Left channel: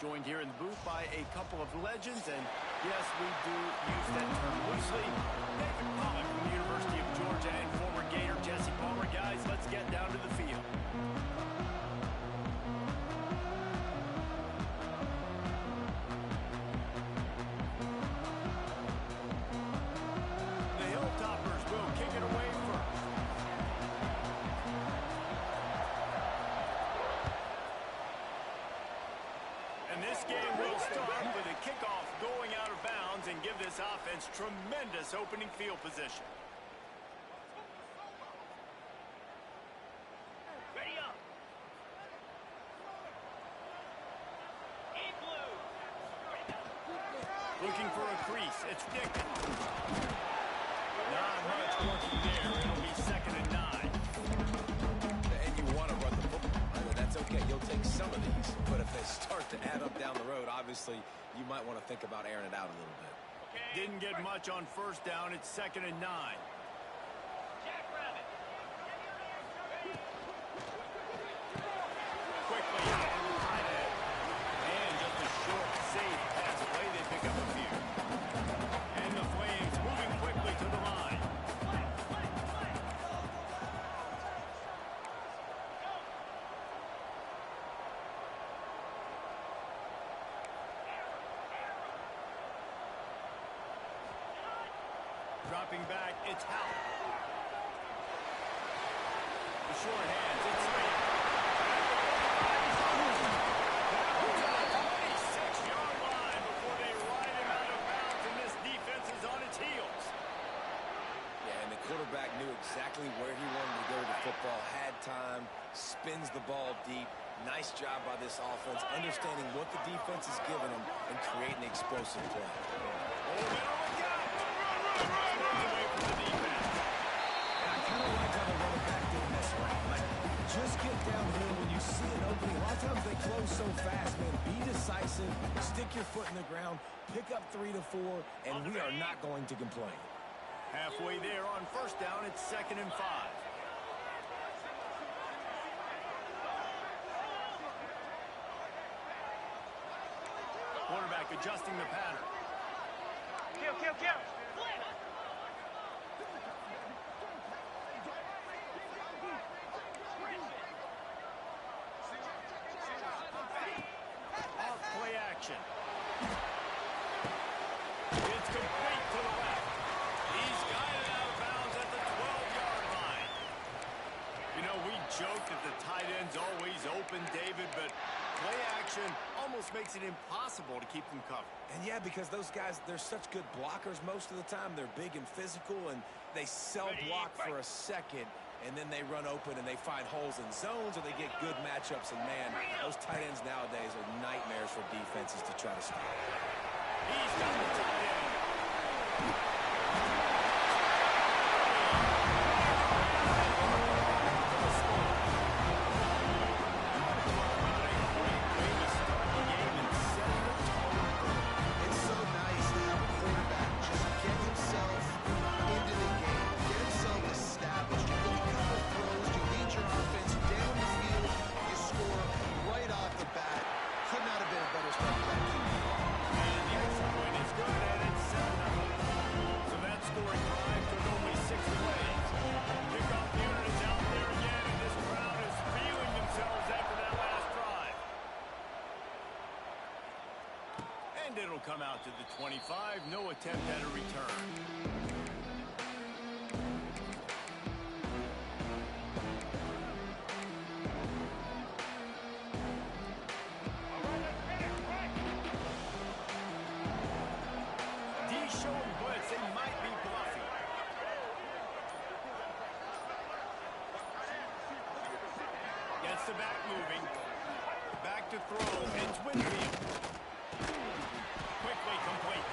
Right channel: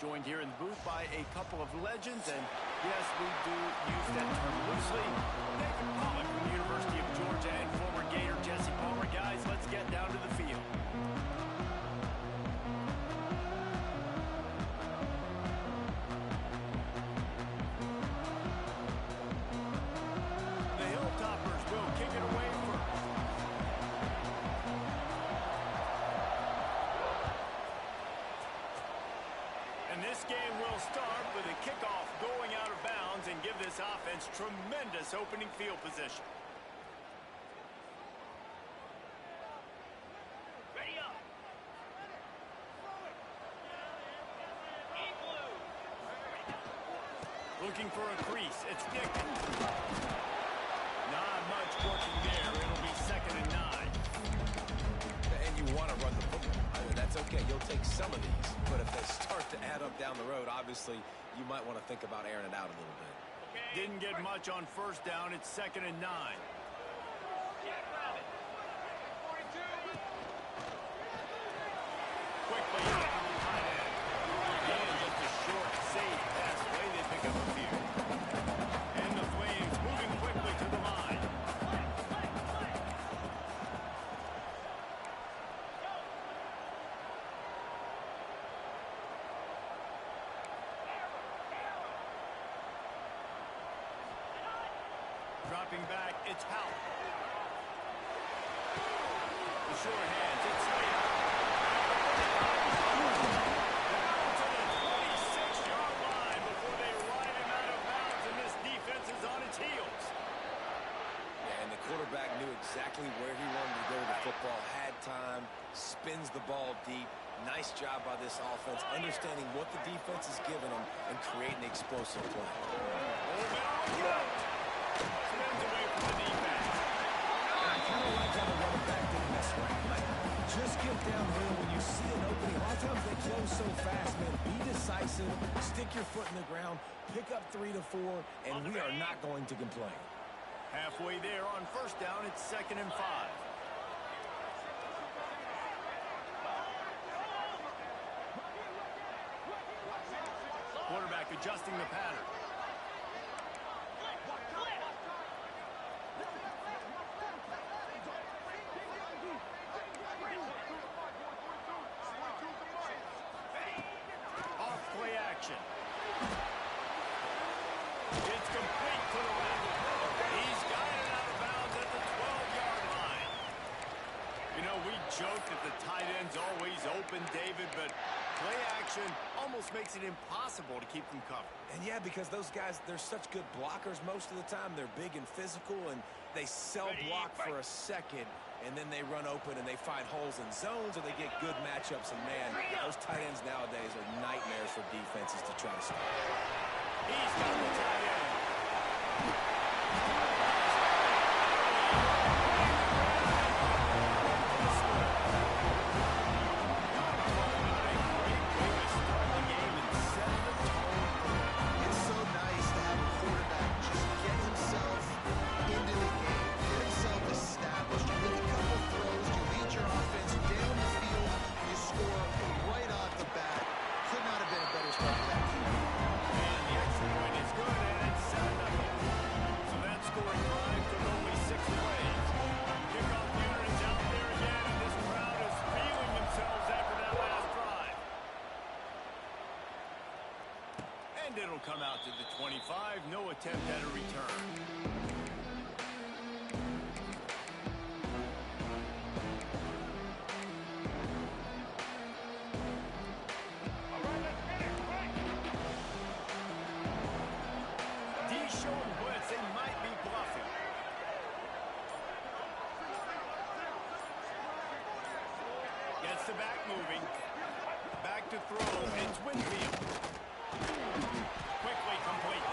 joined here in the booth by a couple of legends, and yes, we do use that term loosely. David Pollock from the University of Georgia and former Gator Jesse Palmer. Guys, let's get down to the field. The Hilltoppers will kick it away first. And this game will start with a kickoff going out of bounds and give this offense tremendous opening field position. Ready up. In blue. Looking for a crease. It's Dickens. Not much working there. It'll be 2nd and 9. And you want to run the football. I mean, that's okay. You'll take some of these. But if they start to add up down the road, obviously, you might want to think about airing it out a little bit. Okay. Didn't get much on 1st down. It's 2nd and 9. Jackrabbit. Quickly out to the tight end. And just a short, safe pass play. They pick up a few. And the Flames moving quickly to the line. Dropping back, it's Howell. The short hands, it's Slater. At the 45, he's down to the 26-yard line before they ride him out of bounds, and this defense is on its heels. Yeah, and the quarterback knew exactly where he wanted to go with the football, had time, spins the ball deep. Nice job by this offense, understanding what the defense is giving them and creating the explosive play. Oh, man, on the count. Spins away from the defense. And I kind of like how the running back didn't mess around. Like, just get downhill when you see an opening. A lot of times they close so fast, man. Be decisive, stick your foot in the ground, pick up 3 to 4, and we are not going to complain. Halfway there on 1st down, it's 2nd and 5. Quarterback adjusting the pattern. Off play action. It's complete to the left. He's guided out of bounds at the 12-yard line. You know, we joke that the tight end's always open, David, but play action almost makes it impossible to keep them covered. And yeah, because those guys, they're such good blockers most of the time. They're big and physical, and they sell block for a second, and then they run open and they find holes in zones, or they get good matchups. And man, those tight ends nowadays are nightmares for defenses to try to stop. He's got the tight end. It's so nice to have a quarterback just get himself into the game, get himself established. You make a couple throws, you lead your offense down the field, you score right off the bat. Could not have been a better start for that team. And the extra point is good, and it's 7-0. So that scoring drive took only 6 plays. Kickoff unit is out there again, and this crowd is feeling themselves after that last drive. And it'll come out to the 25. No attempt at a return. Showing blitz, they might be bluffing. Gets the back moving. Back to throw. It's Winfield. Quickly complete.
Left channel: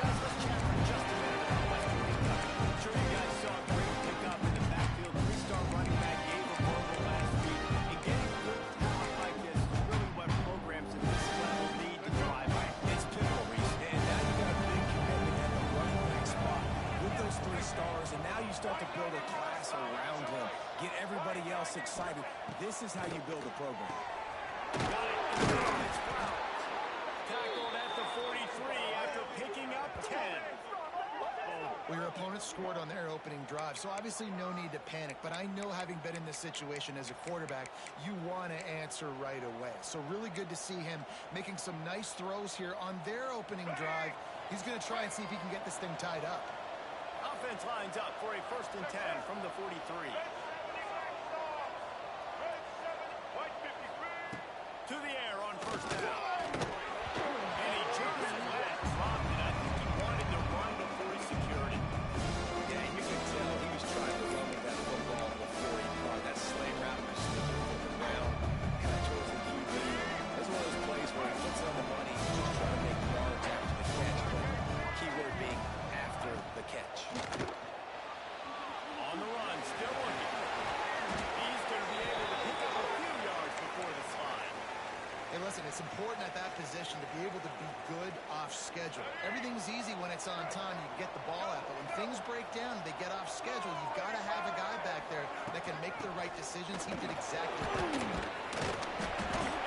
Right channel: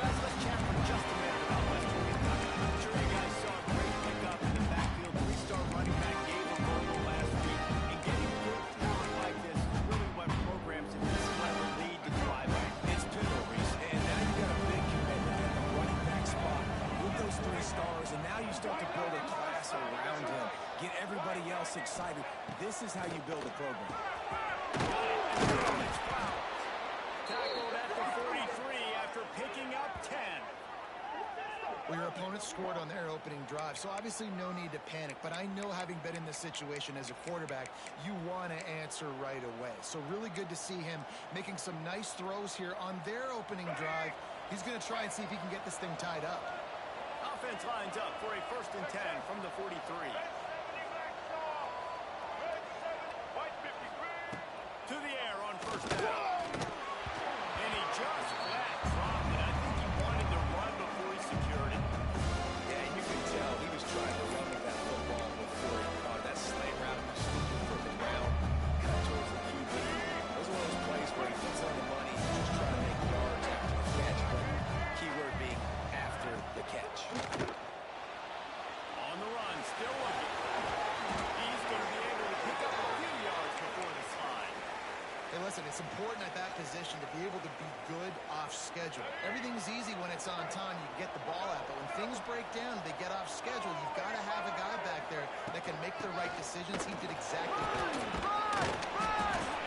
Guys, let's chat for just a minute about Western Kentucky. I'm sure you guys saw a great pickup in the backfield. 3-star running back gave a verbal last week. And getting good talent like this is really what programs at this level need to thrive on. It's pivotal, Reese. And now you got a big commitment at the running back spot with those 3 stars, and now you start to build a class around him. Get everybody else excited. This is how you build a program. Got it. And it's Flowers. scored on their opening drive, so obviously no need to panic. But I know, having been in this situation as a quarterback, you want to answer right away. So really good to see him making some nice throws here on their opening drive. He's going to try and see if he can get this thing tied up. Offense lines up for a 1st and 10 from the 43. To the air on 1st down. And he just flat dropped it. I think he wanted to run before he secured it. Yeah, and you can tell he was trying to run with that football before he caught it. That slant route was sneaking foot around, cut towards the QB. This is one of those plays where he puts it on the money, just trying to make yards after the catch, but keyword being after the catch. On the run, still looking. He's going to be able to pick up a few yards before the slide. Hey, listen, it's important at that position to be able to be good off schedule. Everything's easy when it's on time. You can get the ball out, but when things break down, they get off schedule. You've got to have a guy back there that can make the right decisions. He did exactly that.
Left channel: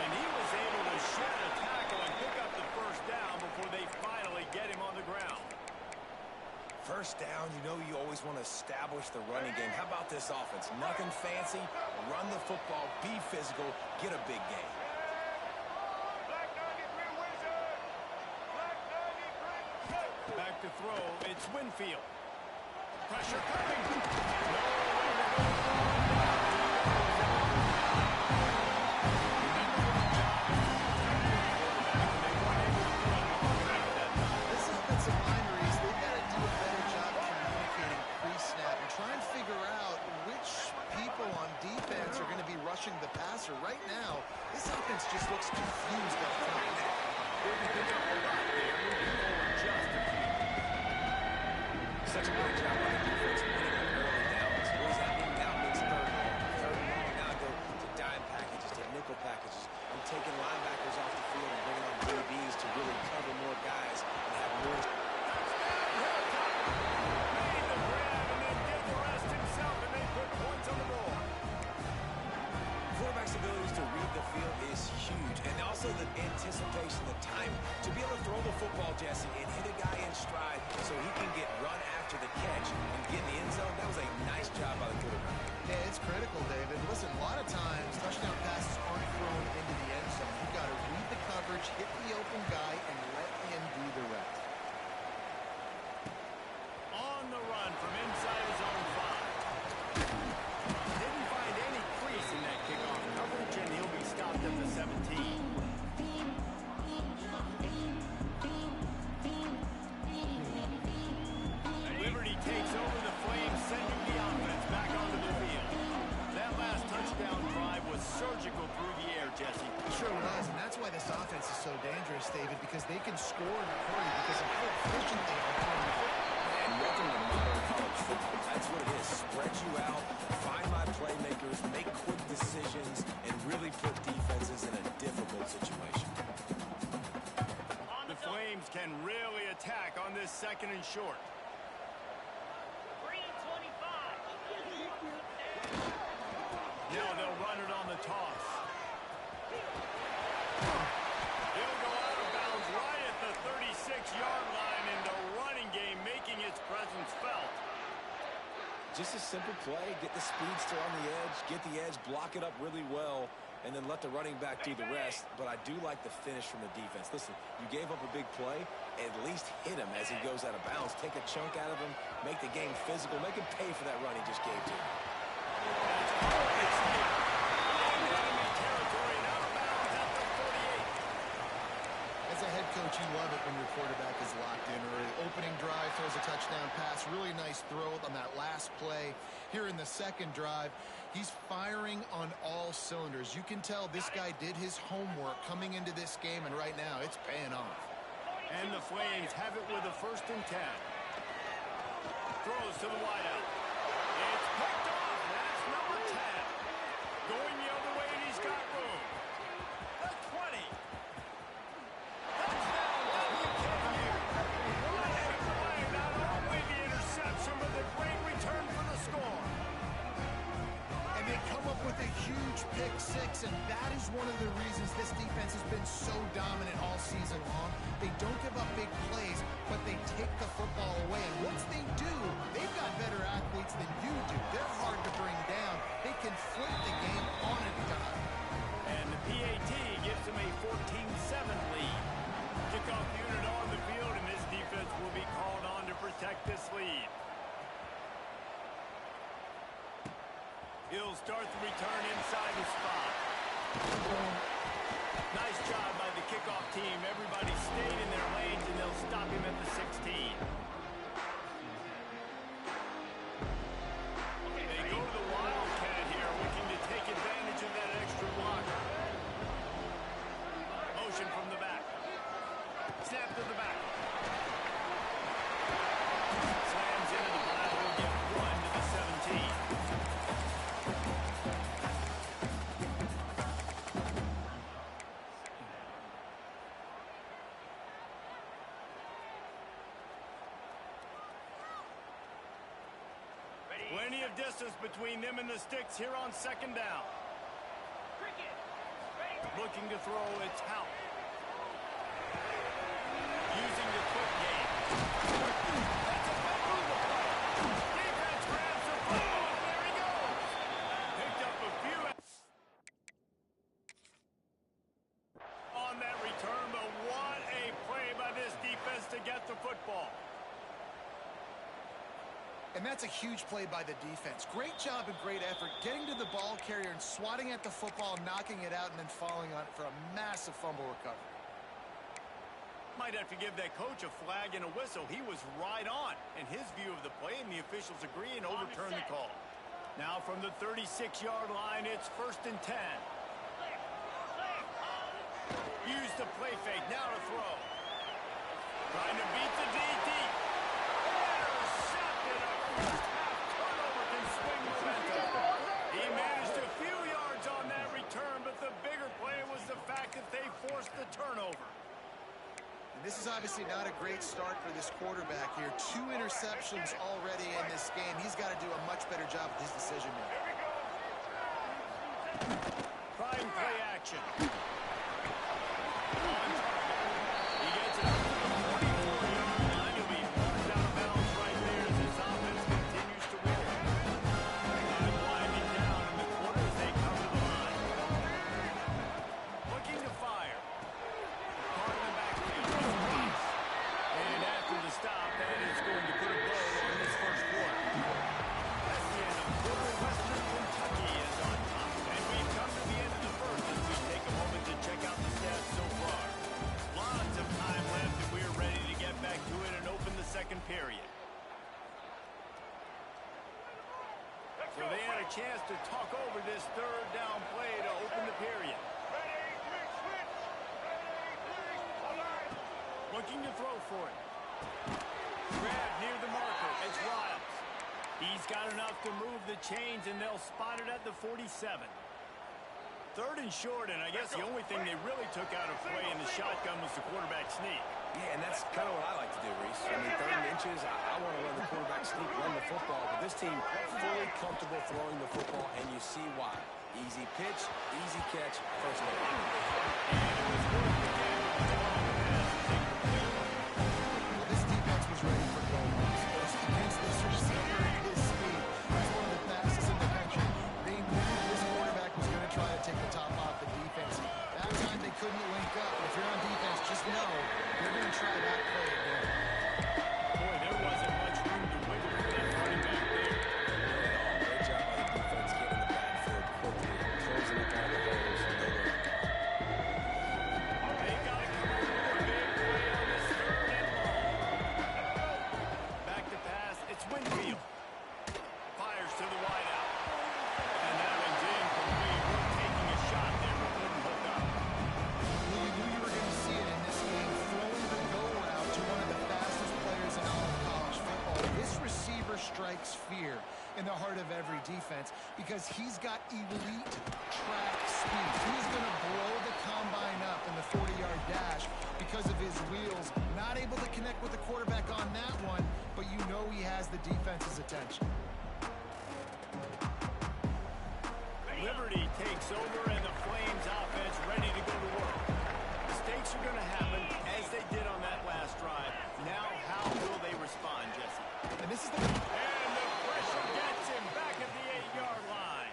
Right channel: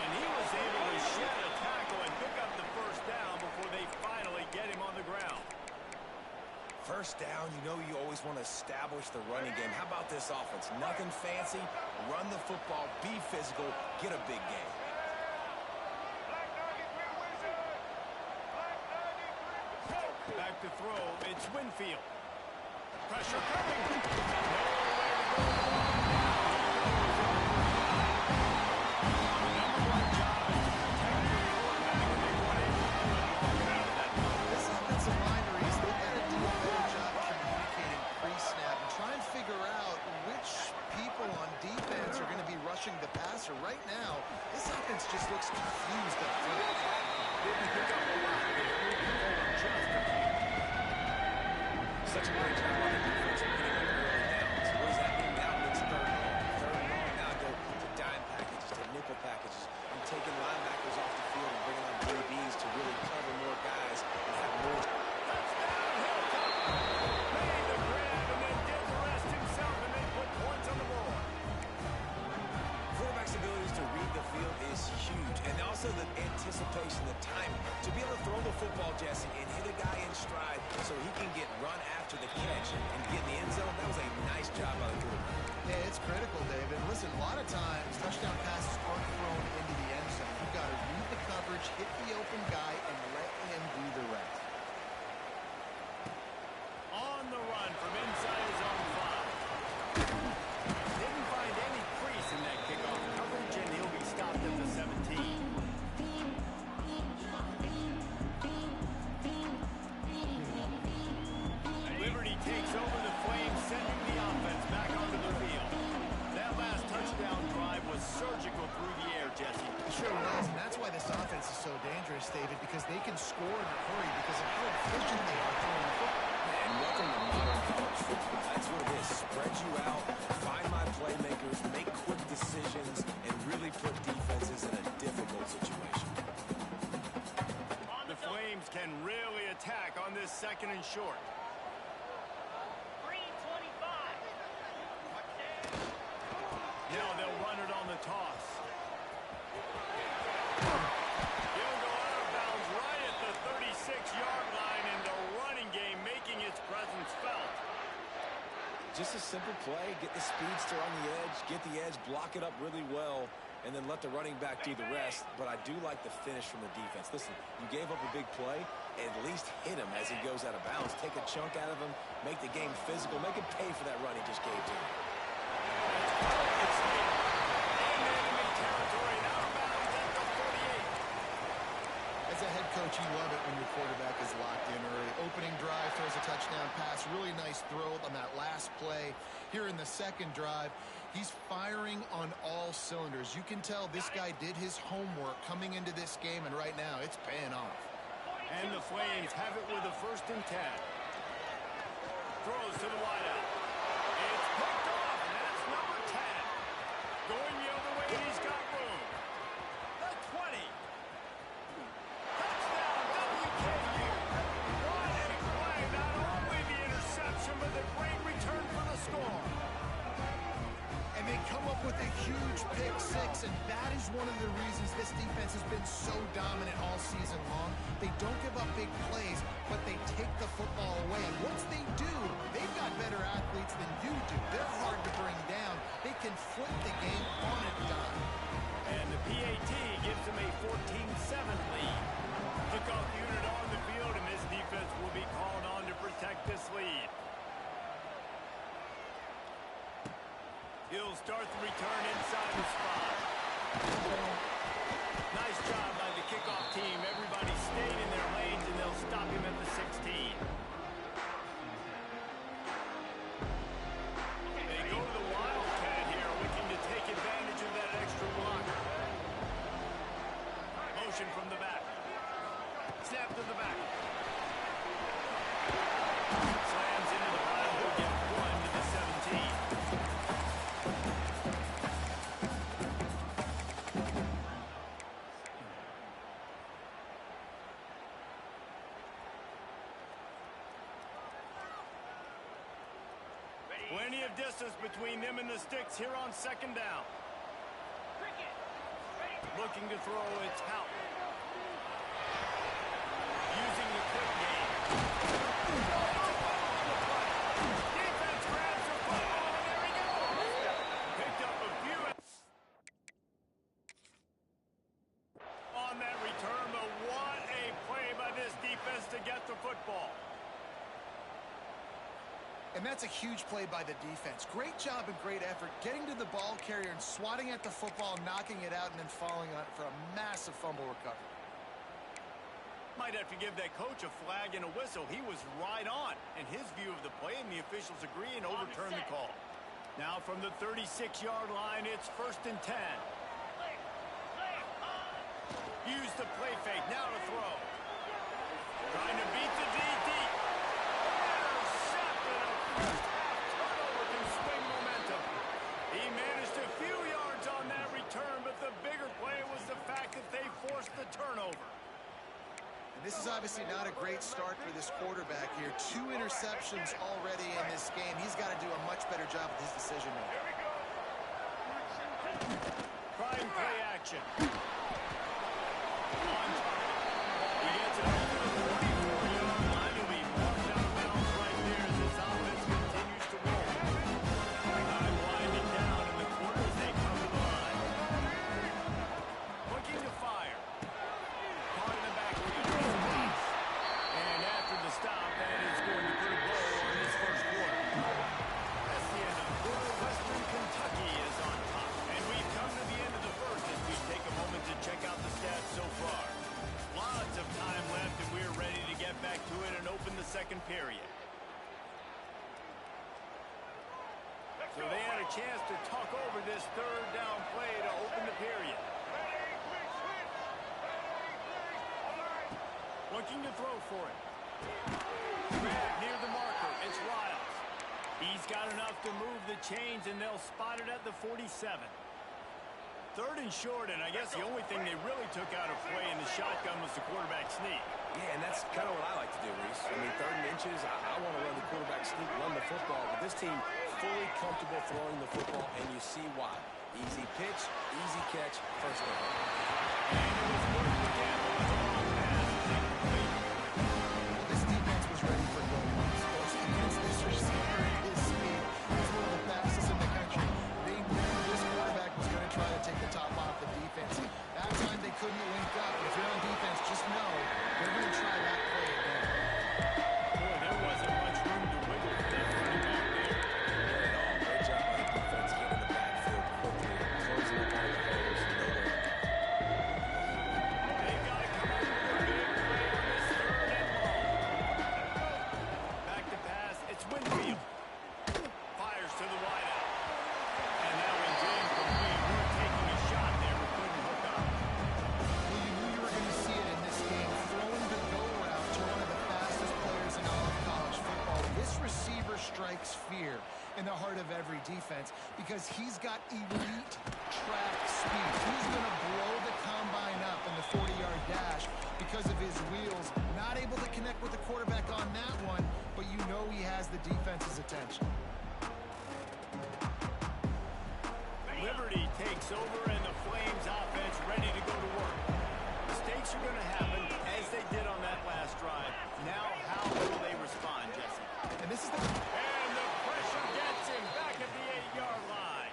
And he was able to shed a tackle and pick up the 1st down before they finally get him on the ground. 1st down, you know you always want to establish the running game. How about this offense? Nothing fancy. Run the football, be physical, get a big gain. Back to throw, it's Winfield. Pressure coming. No way to go long down. He goes at the 39. The #1 job is to protect your quarterback, and they weren't able to do it long enough that time. This offensive line, Reese, they've got to do a better job communicating pre-snap and try and figure out which people on defense are going to be rushing the passer. Right now, this offense just looks confused up front. Didn't pick up a lot there, moving forward just a few. Such a great job on the defense winning on early downs. What does that mean? Now it means 3rd and long. 3rd and long, now go to dime packages, to nickel packages. I'm taking linebackers off the field and bringing on DBs to really cover more guys and have more. Touchdown, Hilltop. Made the grab and then did the rest himself, and they put points on the board. Quarterback's abilities to read the field is huge, and also the anticipation, the timing. To be able to throw the football, Jesse, and hit a guy in stride so he can get run after the catch and get in the end zone, that was a nice job by the quarterback. Yeah, it's critical, David. Listen, a lot of times touchdown passes aren't thrown into the end zone. You've got to read the coverage, hit the open guy, and let him do the rest. On the run from inside his own 5. Didn't find any crease in that kickoff coverage, and he'll be stopped at the 17. Liberty takes over the Flames, sending the offense back onto the field. That last touchdown drive was surgical through the air, Jesse. Sure was, and that's why this offense is so dangerous, David, because they can score in a hurry because of how efficient they are throwing the football. And welcome to modern college football. That's what it is. Spread you out, find my playmakers, make quick decisions, and really put defenses in a difficult situation. The Flames can really attack on this 2nd and short. Green 25. Now they'll run it on the toss. He'll go out of bounds right at the 36-yard line, and the running game making its presence felt. Just a simple play, get the speedster on the edge, get the edge, block it up really well, and then let the running back do the rest. But I do like the finish from the defense. Listen, you gave up a big play, at least hit him as he goes out of bounds. Take a chunk out of him, make the game physical, make him pay for that run he just gave to him. That's caught. It's later. In enemy territory and out of bounds at the 48. As a head coach, you love it when your quarterback is locked in early. Opening drive, throws a touchdown pass. Really nice throw on that last play. Here in the 2nd drive, he's firing on all cylinders. You can tell this guy did his homework coming into this game, and right now it's paying off. And the Flames have it with a 1st and 10. Throws to the wideout. It's picked off, and that's number 10. Going the other way, and he's got room. The 20. Touchdown, WKU. What a play. Not only the interception, but the great return for the score. And they come up with a huge pick six, and that is one of the reasons this defense has been so dominant all season long. They don't give up big plays, but they take the football away. And once they do, they've got better athletes than you do. They're hard to bring down. They can flip the game on a dime. And the PAT gives them a 14-7 lead. Kickoff unit on the field, and this defense will be called on to protect this lead. He'll start the return inside the spot. Nice job by the kickoff team. Everybody stayed in their lanes, and they'll stop him at the 16. They go to the Wildcat here, looking to take advantage of that extra block. Motion from the back. Snap to the back. Slams into the pile. He'll get 1 to the 17. Plenty of distance between them and the sticks here on second down. Cricket. Ready. Looking to throw, it's Hout. Using the quick game. That's a foul on the play. Defense grabs the football, and there he goes. Picked up a few on that return, but what a play by this defense to get the football. And that's a huge play by the defense. Great job and great effort getting to the ball carrier and swatting at the football, knocking it out, and then falling on it for a massive fumble recovery. Might have to give that coach a flag and a whistle. He was right on in his view of the play, and the officials agree and overturn the call. Now from the 36-yard line, it's 1st and 10. Use the play fake. Now to throw. Trying to beat the DT. Intercepted. A first-half turnover can swing momentum. He managed a few yards on that return, but the bigger play was the fact that they forced the turnover. And this is obviously not a great start for this quarterback here. 2 interceptions already in this game. He's got to do a much better job with his decision-making. Trying play action. On target. He gets it up to the 44-yard line. He'll be marked out of bounds right there as this offense continues to roll. Time winding down in the quarter as they come to the line. Looking to fire. Caught in the backfield. And after the stop, that is going to put a bow on this first quarter. That's the end of the quarter. Western Kentucky is on top. And we've come to the end of the first as we take a moment to check out the stats so far. Lots of time left, and we're ready to get back to it and open the second period. So they had a chance to talk over this third down play to open the period. Looking to throw for it. Grab near the marker. It's Riles. He's got enough to move the chains, and they'll spot it at the 47. 3rd and short, and I guess the only thing they really took out of play in the shotgun was the quarterback sneak. Yeah, and that's kind of what I like to do, Reese. I mean, 3rd and inches, I want to run the quarterback sneak, run the football, but this team fully comfortable throwing the football, and you see why. Easy pitch, easy catch, first down. And it was worth the gamble, but the long pass is incomplete. Well, this defense was ready for goal lines. Against this receiver and his speed, he's one of the fastest in the country. They knew this quarterback was going to try to take the top off the defense. That time they couldn't link up. If you're on defense, just know they're going to try that play again. Boy, there wasn't much room to wiggle for that running back there. Not at all. Great job by the defense getting the backfield quickly, closing up all the holes. No worry. They got to come up with a big play on this 3rd and long. Back to pass. It's Winfield. Fires to the wideout. And that one's incomplete. We're taking a shot there, but couldn't hook up. Well, you knew you were going to see it in this game, throwing the go route to one of the fastest players in all of college football. This receiver strikes fear in the heart of every defense because he's got elite track speed. He's going to blow the combine up in the 40-yard dash because of his wheels. Not able to connect with the quarterback on that one, but you know he has the defense's attention. Liberty takes over, and the Flames offense ready to go to work. Mistakes are going to happen, as they did on that last drive. Now, how will they respond, Jesse? And this is the... And the pressure gets him back at the 8-yard line.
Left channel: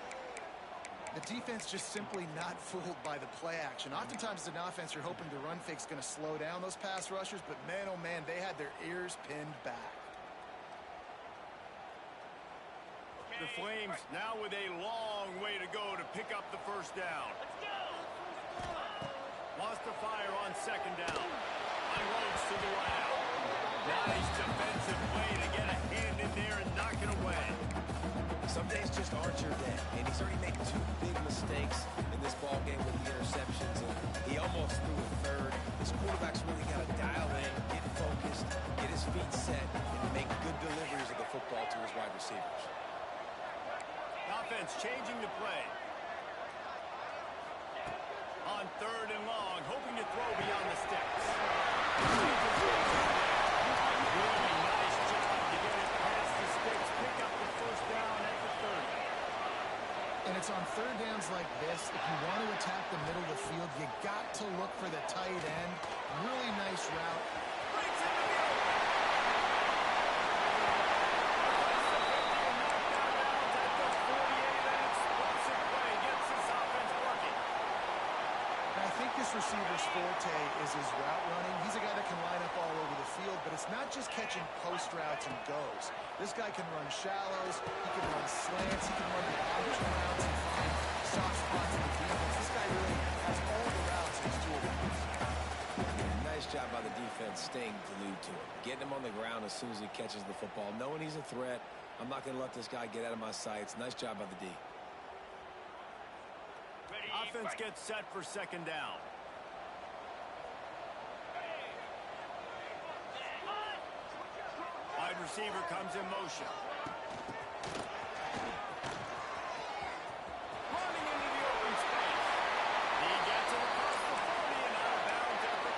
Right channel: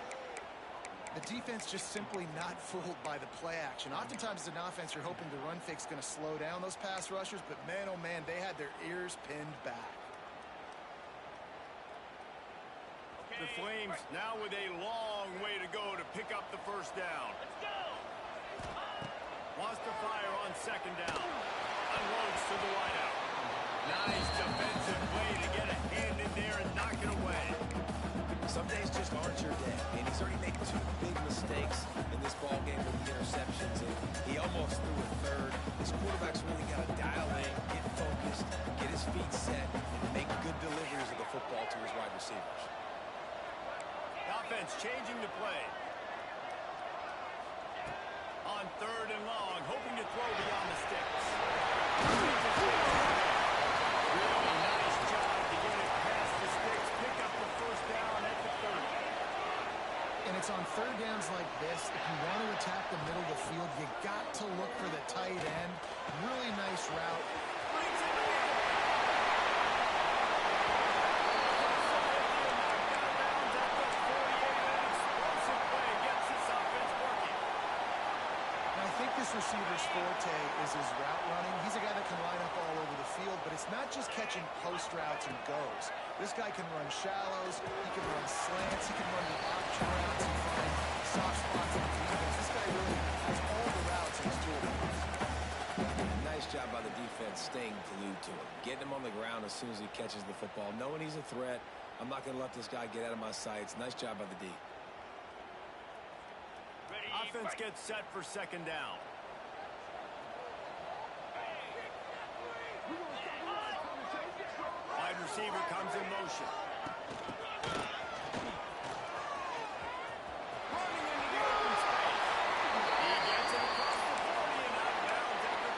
The defense just simply not fooled by the play action. Oftentimes, as an offense, you're hoping the run fake's going to slow down those pass rushers, but man, oh man, they had their ears pinned back. The Flames now with a long way to go to pick up the first down. Let's go! Wants to fire on second down. Unloads to the wideout. Nice defensive play to get a hand in there and knock it away. Some days just aren't your day, and he's already made 2 big mistakes in this ball game with the interceptions, and he almost threw a third. This quarterback's really got to dial in, get focused, get his feet set, and make good deliveries of the football to his wide receivers. Offense changing the play. On third and long, hoping to throw beyond the sticks. Really nice job to get it past the sticks, pick up the first down at the 30. And it's on third downs like this, if you want to attack the middle of the field, you got to look for the tight end. Really nice route. Breaks into the open. Across the 50 and knocked out of bounds at the 48. An explosive play gets this offense working. And I think this receiver's forte is his route running. He's a guy that can line up all over the field, but it's not just catching post routes and goes. This guy can run shallows, he can run slants, he can run the option routes and find soft spots in the defense. This guy really has all the routes in his toolbox. Nice job by the defense staying glued to him, getting him on the ground as soon as he catches the football, knowing he's a threat. I'm not going to let this guy get out of my sights. Nice job by the D. Offense gets set for second down. Wide receiver comes in motion. Running into the open space. He gets it across the 40 and out of bounds at the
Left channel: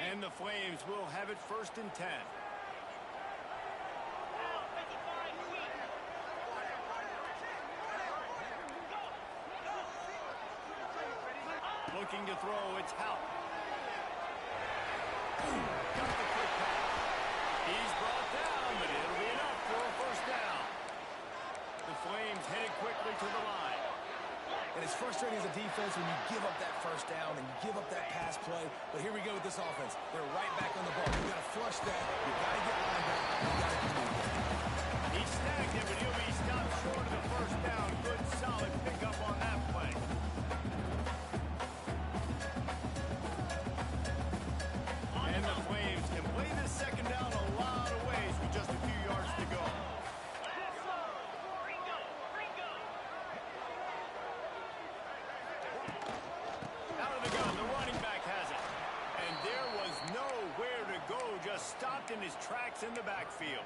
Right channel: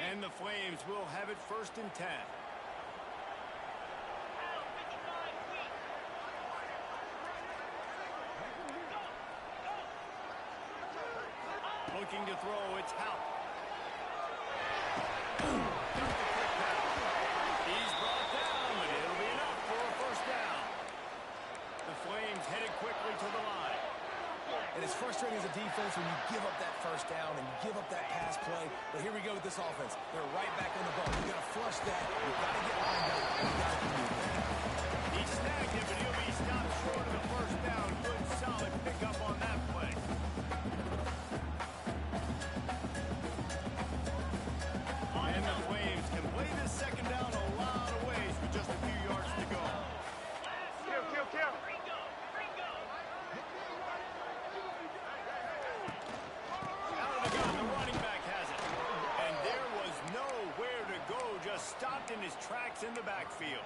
38. And the Flames will have it first and 10. Looking to throw, it's Hout. Got the quick pass. He's brought down, but it'll be enough for a first down. The Flames headed quickly to the line. And it's frustrating as a defense when you give up that first down and you give up that pass play. But here we go with this offense. They're right back on the ball. You got to flush that. You got to get lined up. And you got to communicate. He snagged it, but he'll be stopped short of the first down. Good, solid pickup on that play. And the Flames can play this second down a lot of ways with just a few yards to go. Out of the gun, the running back has it. And there was nowhere to go, just stopped in his tracks in the backfield.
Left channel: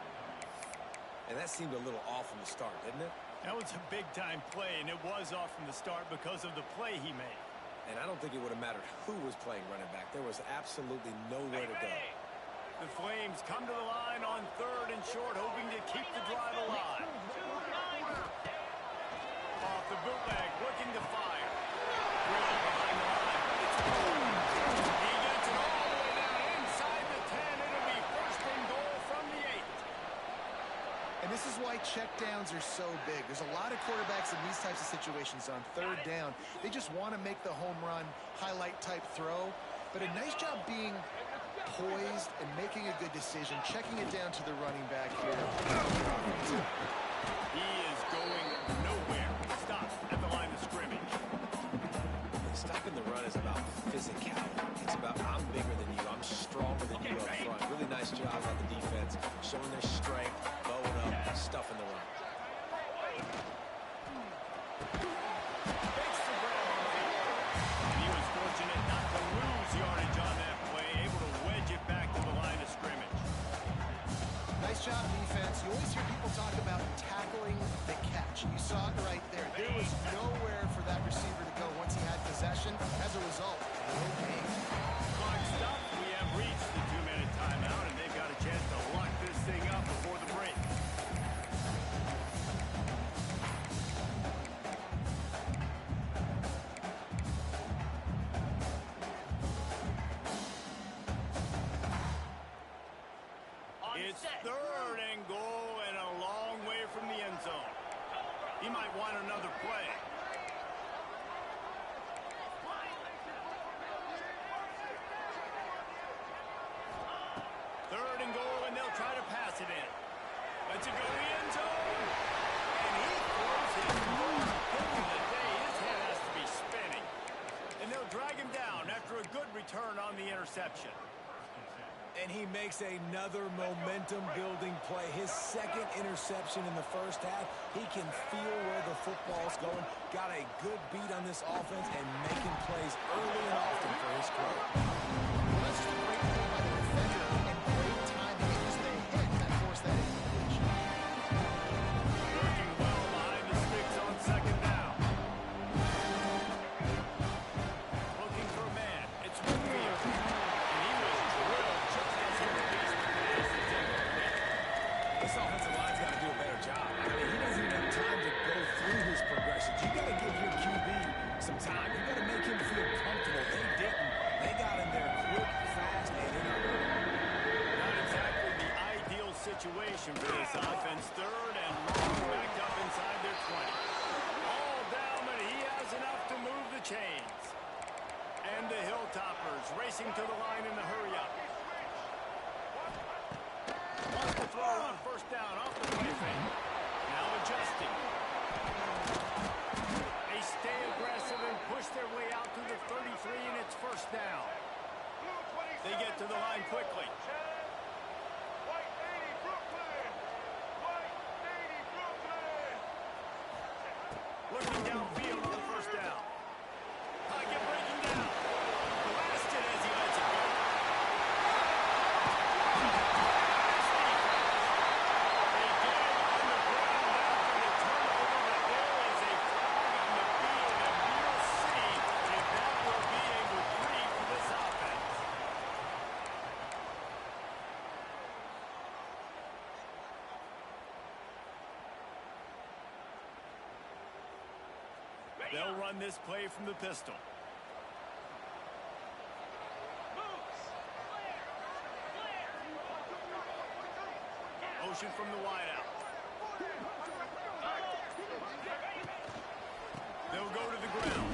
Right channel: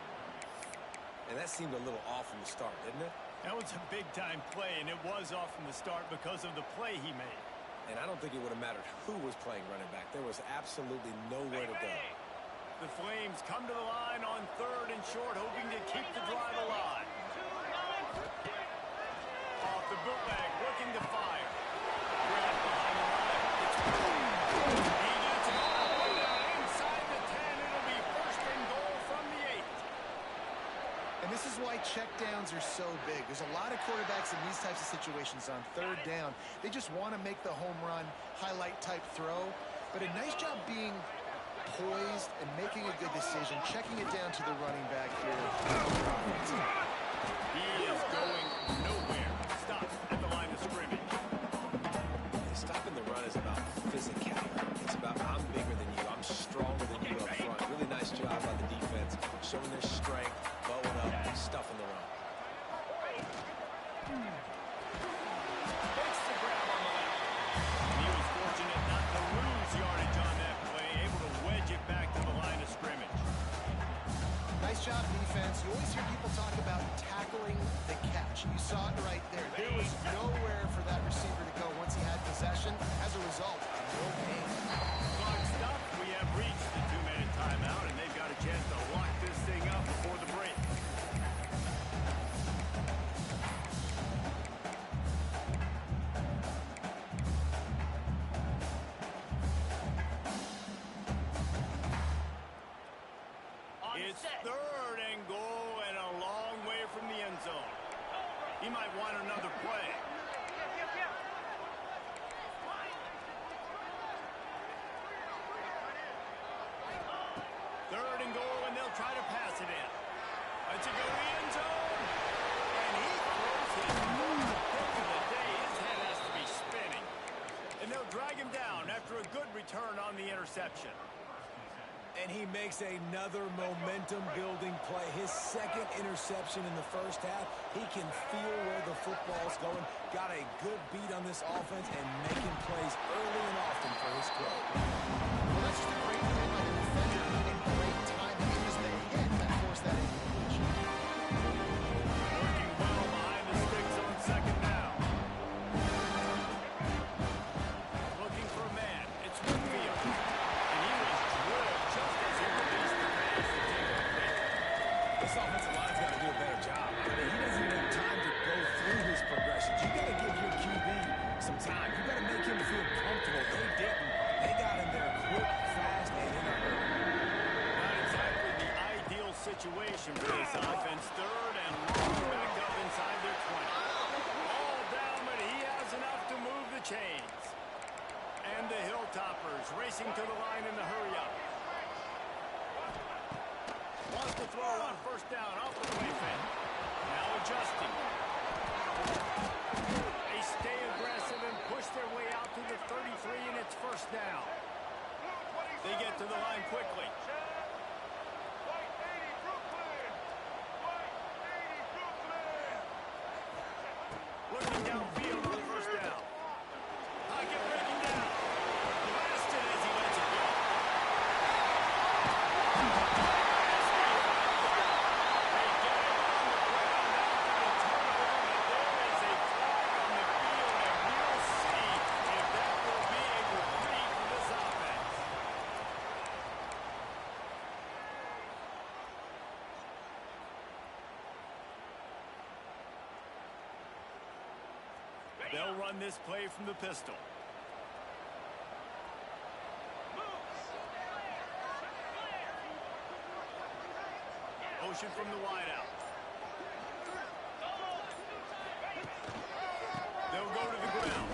And that seemed a little off from the start, didn't it? That was a big-time play, and it was off from the start because of the play he made. And I don't think it would have mattered who was playing running back. There was absolutely nowhere to go. The Flames come to the line on third and short, hoping to keep the drive alive. Off the bootleg, looking to fire. Grab behind the line. It's boom. He gets it all the way down inside the 10. It'll be first and goal from the 8. And this is why checkdowns are so big. There's a lot of quarterbacks in these types of situations on third down. They just want to make the home run, highlight type throw. But a nice job being poised and making a good decision, checking it down to the running back here. He is going nowhere. Stops at the line of scrimmage. And stopping the run is about physicality. It's about I'm bigger than you. I'm stronger than you up front. Really nice job by the defense, showing their strength, bowing up, stuffing the run. Makes the grab on the left. He was fortunate not to lose yardage on that play, able to wedge it back to the line of scrimmage. Nice job, defense. You always hear people talk about tackling the catch. You saw it right there. There was nowhere for that receiver to go once he had possession. As a result, no gain. Clock stopped. We have reached the 2-minute timeout, and they've got a chance to lock this thing up before the break. It's 3rd and goal and a long way from the end zone. He might want another play. Third and goal, and they'll try to pass it in. Let's it go to the end zone. And he throws his first pick of the day. His head has to be spinning. And they'll drag him down after a good return on the interception. And he makes another momentum-building play. His second interception in the first half. He can feel where the football's going. Got a good beat on this offense and making plays early and often for his club. Well, that's just a great play by the defender and great timing. It was the hit that forced that incompletion. Working well behind the sticks on 2nd down. Looking for a man. It's Winfield. And he was drilled just as he released the pass. It's incomplete. This offensive line's got to do a better job. I mean, he doesn't even have time to go through his progressions. You got to give your QB some time. You got to make him feel comfortable. They didn't. They got him there quick, fast, and in a hurry. Not exactly the ideal situation for this offense. 3rd and long, back up inside their 20. All down, but he has enough to move the chains. And the Hilltoppers racing to the line in the hurry-up. Wants to throw on 1st down off the play fake. Now adjusting. They stay aggressive and push their way out to the 33, and it's 1st down. They get to the line quickly. Looking downfield on 1st down. Pocket breaking down. Blasted as he lets it go. They get him on the ground after the turnover, but there is a flag on the field, and we'll see if that will be a reprieve for this offense. They'll run this play from the pistol. Motion from the wideout. They'll go to the ground.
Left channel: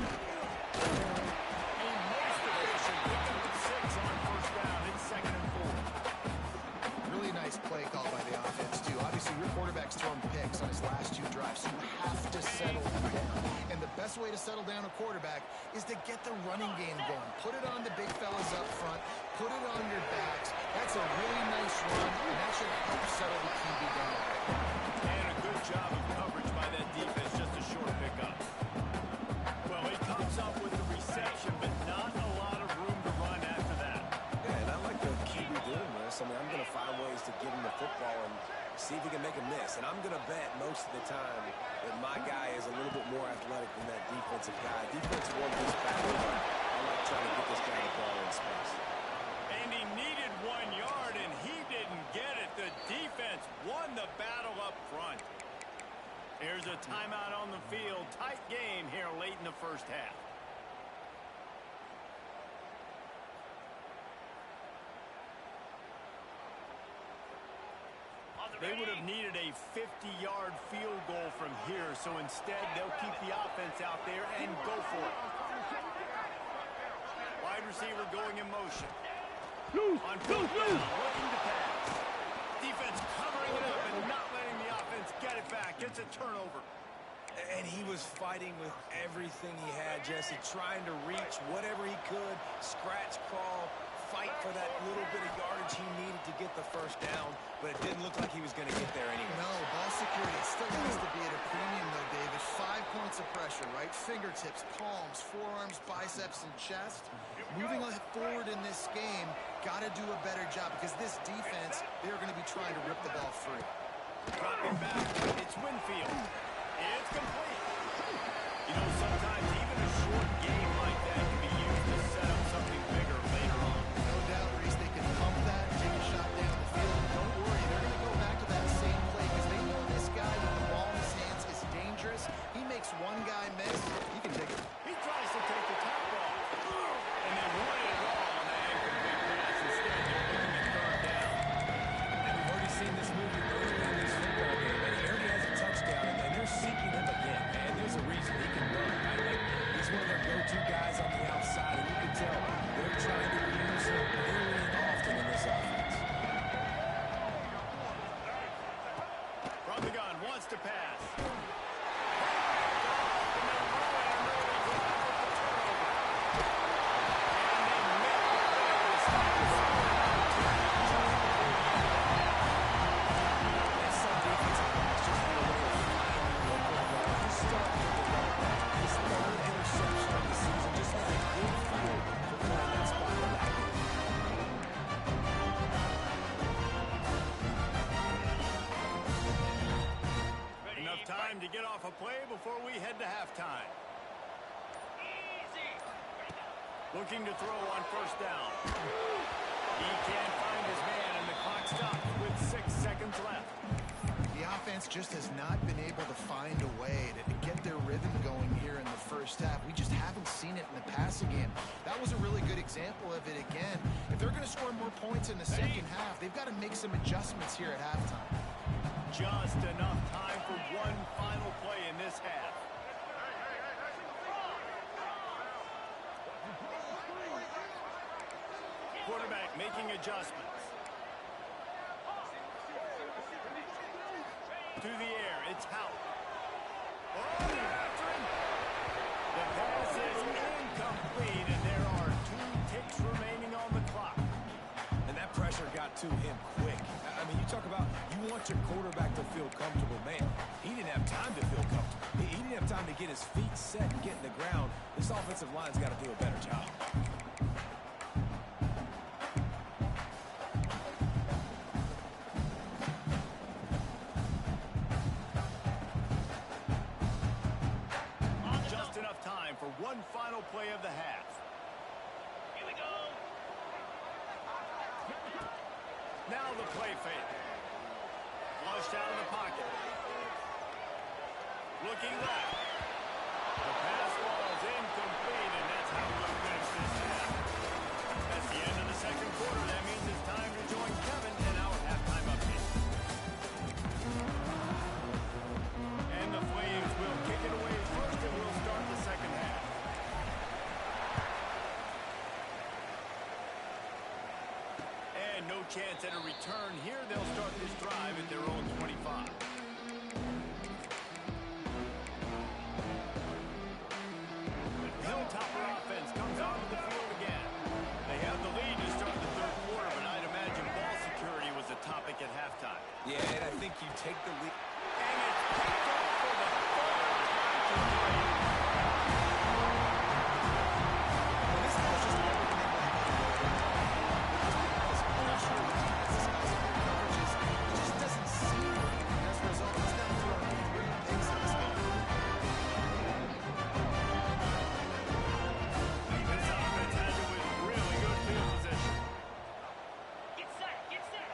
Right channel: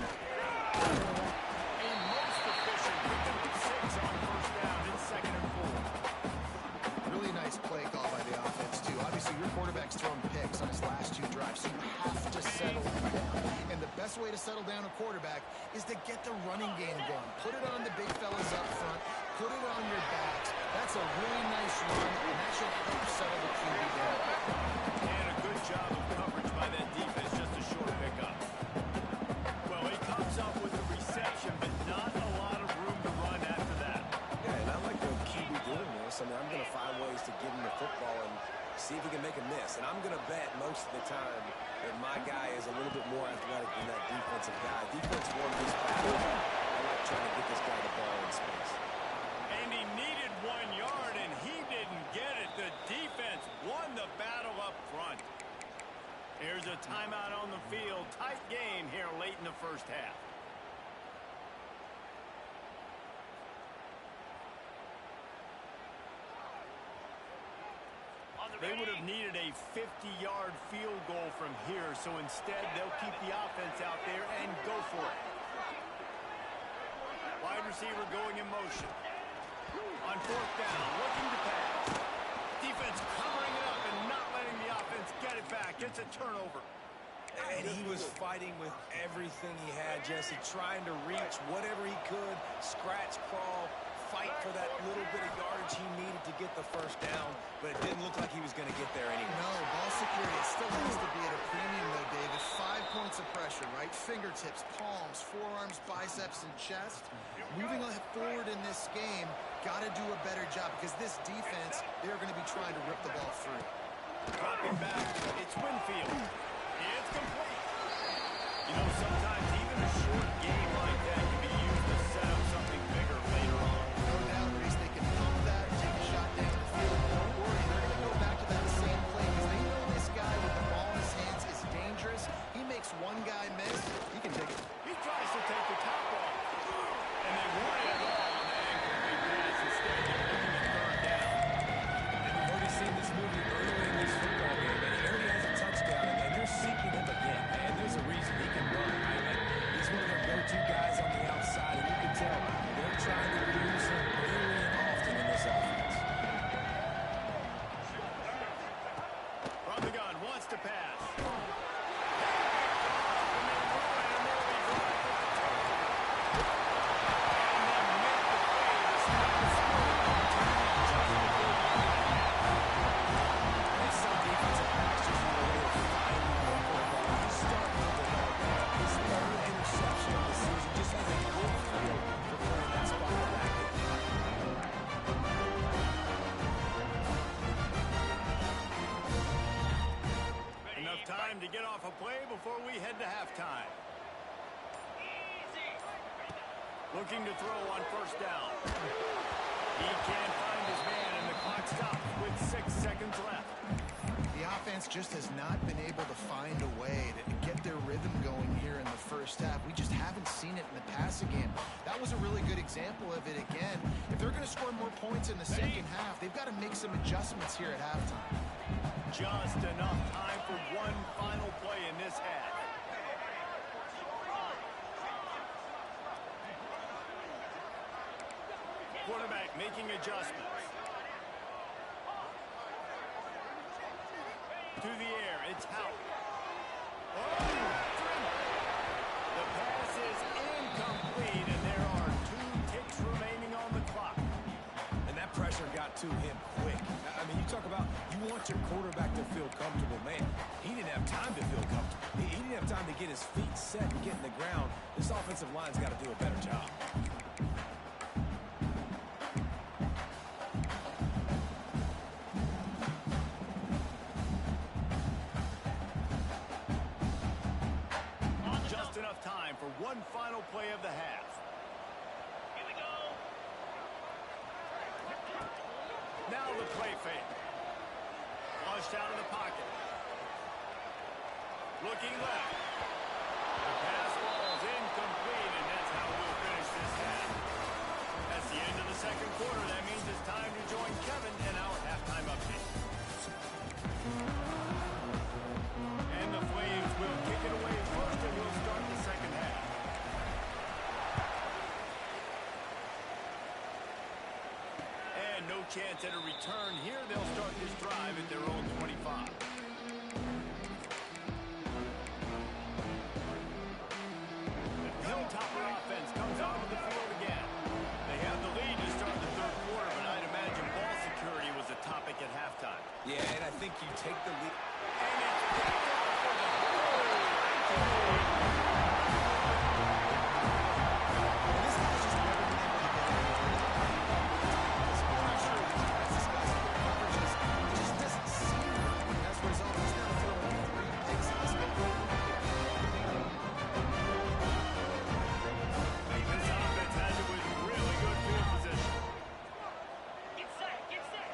A most efficient pickup of 6 on 1st down. It's 2nd and 4. Really nice play call by the offense, too. Obviously, your quarterback's thrown picks on his last 2 drives, so you have to settle him down. And the best way to settle down a quarterback is to get the running game going. Put it on the big fellas up front. Put it on your backs. That's a really nice run, and that should help settle the QB down a bit. And a good job of coverage by that defense. Just a short pickup. Well, he comes up with the reception, but not a lot of room to run after that. Yeah, and I like the QB doing this. I mean, I'm going to find ways to get him the football and see if he can make a miss. And I'm going to bet most of the time that my guy is a little bit more athletic than that defensive guy. Defense won this battle, but I like trying to get this guy the ball in space. And he needed 1 yard, and he didn't get it. The defense won the battle up front. Here's a timeout on the field. Tight game here late in the 1st half. They would have needed a 50-yard field goal from here, so instead they'll keep the offense out there and go for it. Wide receiver going in motion. On 4th down, looking to pass. Defense covering it up and not letting the offense get it back. Gets a turnover. And he was fighting with everything he had, Jesse, trying to reach whatever he could, scratch, crawl, fight for that little bit of yardage he needed to get the 1st down, but it didn't look like he was going to get there anyway. No, ball security. It still has to be at a premium, though, David. 5 points of pressure, right? Fingertips, palms, forearms, biceps, and chest. Moving forward in this game, got to do a better job because this defense, they're going to be trying to rip the ball free. Dropping back, it's Winfield. It's complete. You know, sometimes even a short game like that can be used to set up something bigger later on. No doubt, Reese, they can guy miss. He can take it. He tries to take the top off. And they wanted it all on that incomplete pass. Instead, they're looking at third down. And we've already seen this movie early in this football game, and he already has a touchdown, and they're seeking him again. And there's a reason he can run, right? Like, he's one of their go-to guys on the outside, and you can tell they're trying to use him early and often in this offense. From the gun, wants to pass. He picked off, and they ruin an early drive with the turnover. And they make the play to stop the scoring opportunity just before the end of the half. And some defensive backs just have a way of finding the football. He's starting to develop that. His third interception of the season just has a good feel for playing that spot in the back end. Enough time to get off a play before we head to halftime. Easy. Looking to throw on first down. He can't find his man, and the clock stops with 6 seconds left. The offense just has not been able to find a way to get their rhythm going here in the first half. We just haven't seen it in the passing game. That was a really good example of it again. If they're going to score more points in the second half, they've got to make some adjustments here at halftime. Just enough time for one final play in this half. Quarterback making adjustments. To the air, it's Howard. Oh, they're after him. The pass is incomplete, and there are 2 ticks remaining on the clock. And that pressure got to him quick. I mean, you talk about you want your quarterback to feel comfortable. Man, he didn't have time to feel comfortable. He didn't have time to get his feet set and get in the ground. This offensive line's got to do a better job. Just enough time for one final play of the half. Here we go. Now the play fake. Flushed out of the pocket. Looking left. The pass falls incomplete, and that's how we'll finish this half. That's the end of the second quarter. That means it's time to join Kevin in our halftime update. And the Flames will kick it away first, and we'll start the second half. And no chance at a return here. They'll start this drive at their own 25. The Hilltopper offense comes onto the field again. They have the lead to start the third quarter, but I'd imagine ball security was a topic at halftime. Yeah, and I think you take the lead. And it's picked off for the third time today. And this guy's just never been able to get into the rhythm. With this pressure, this guy's under coverages, it just doesn't seem right. As a result, he's now throwing 3 picks in this game. This offense has it with really good field position. Get set. Get set.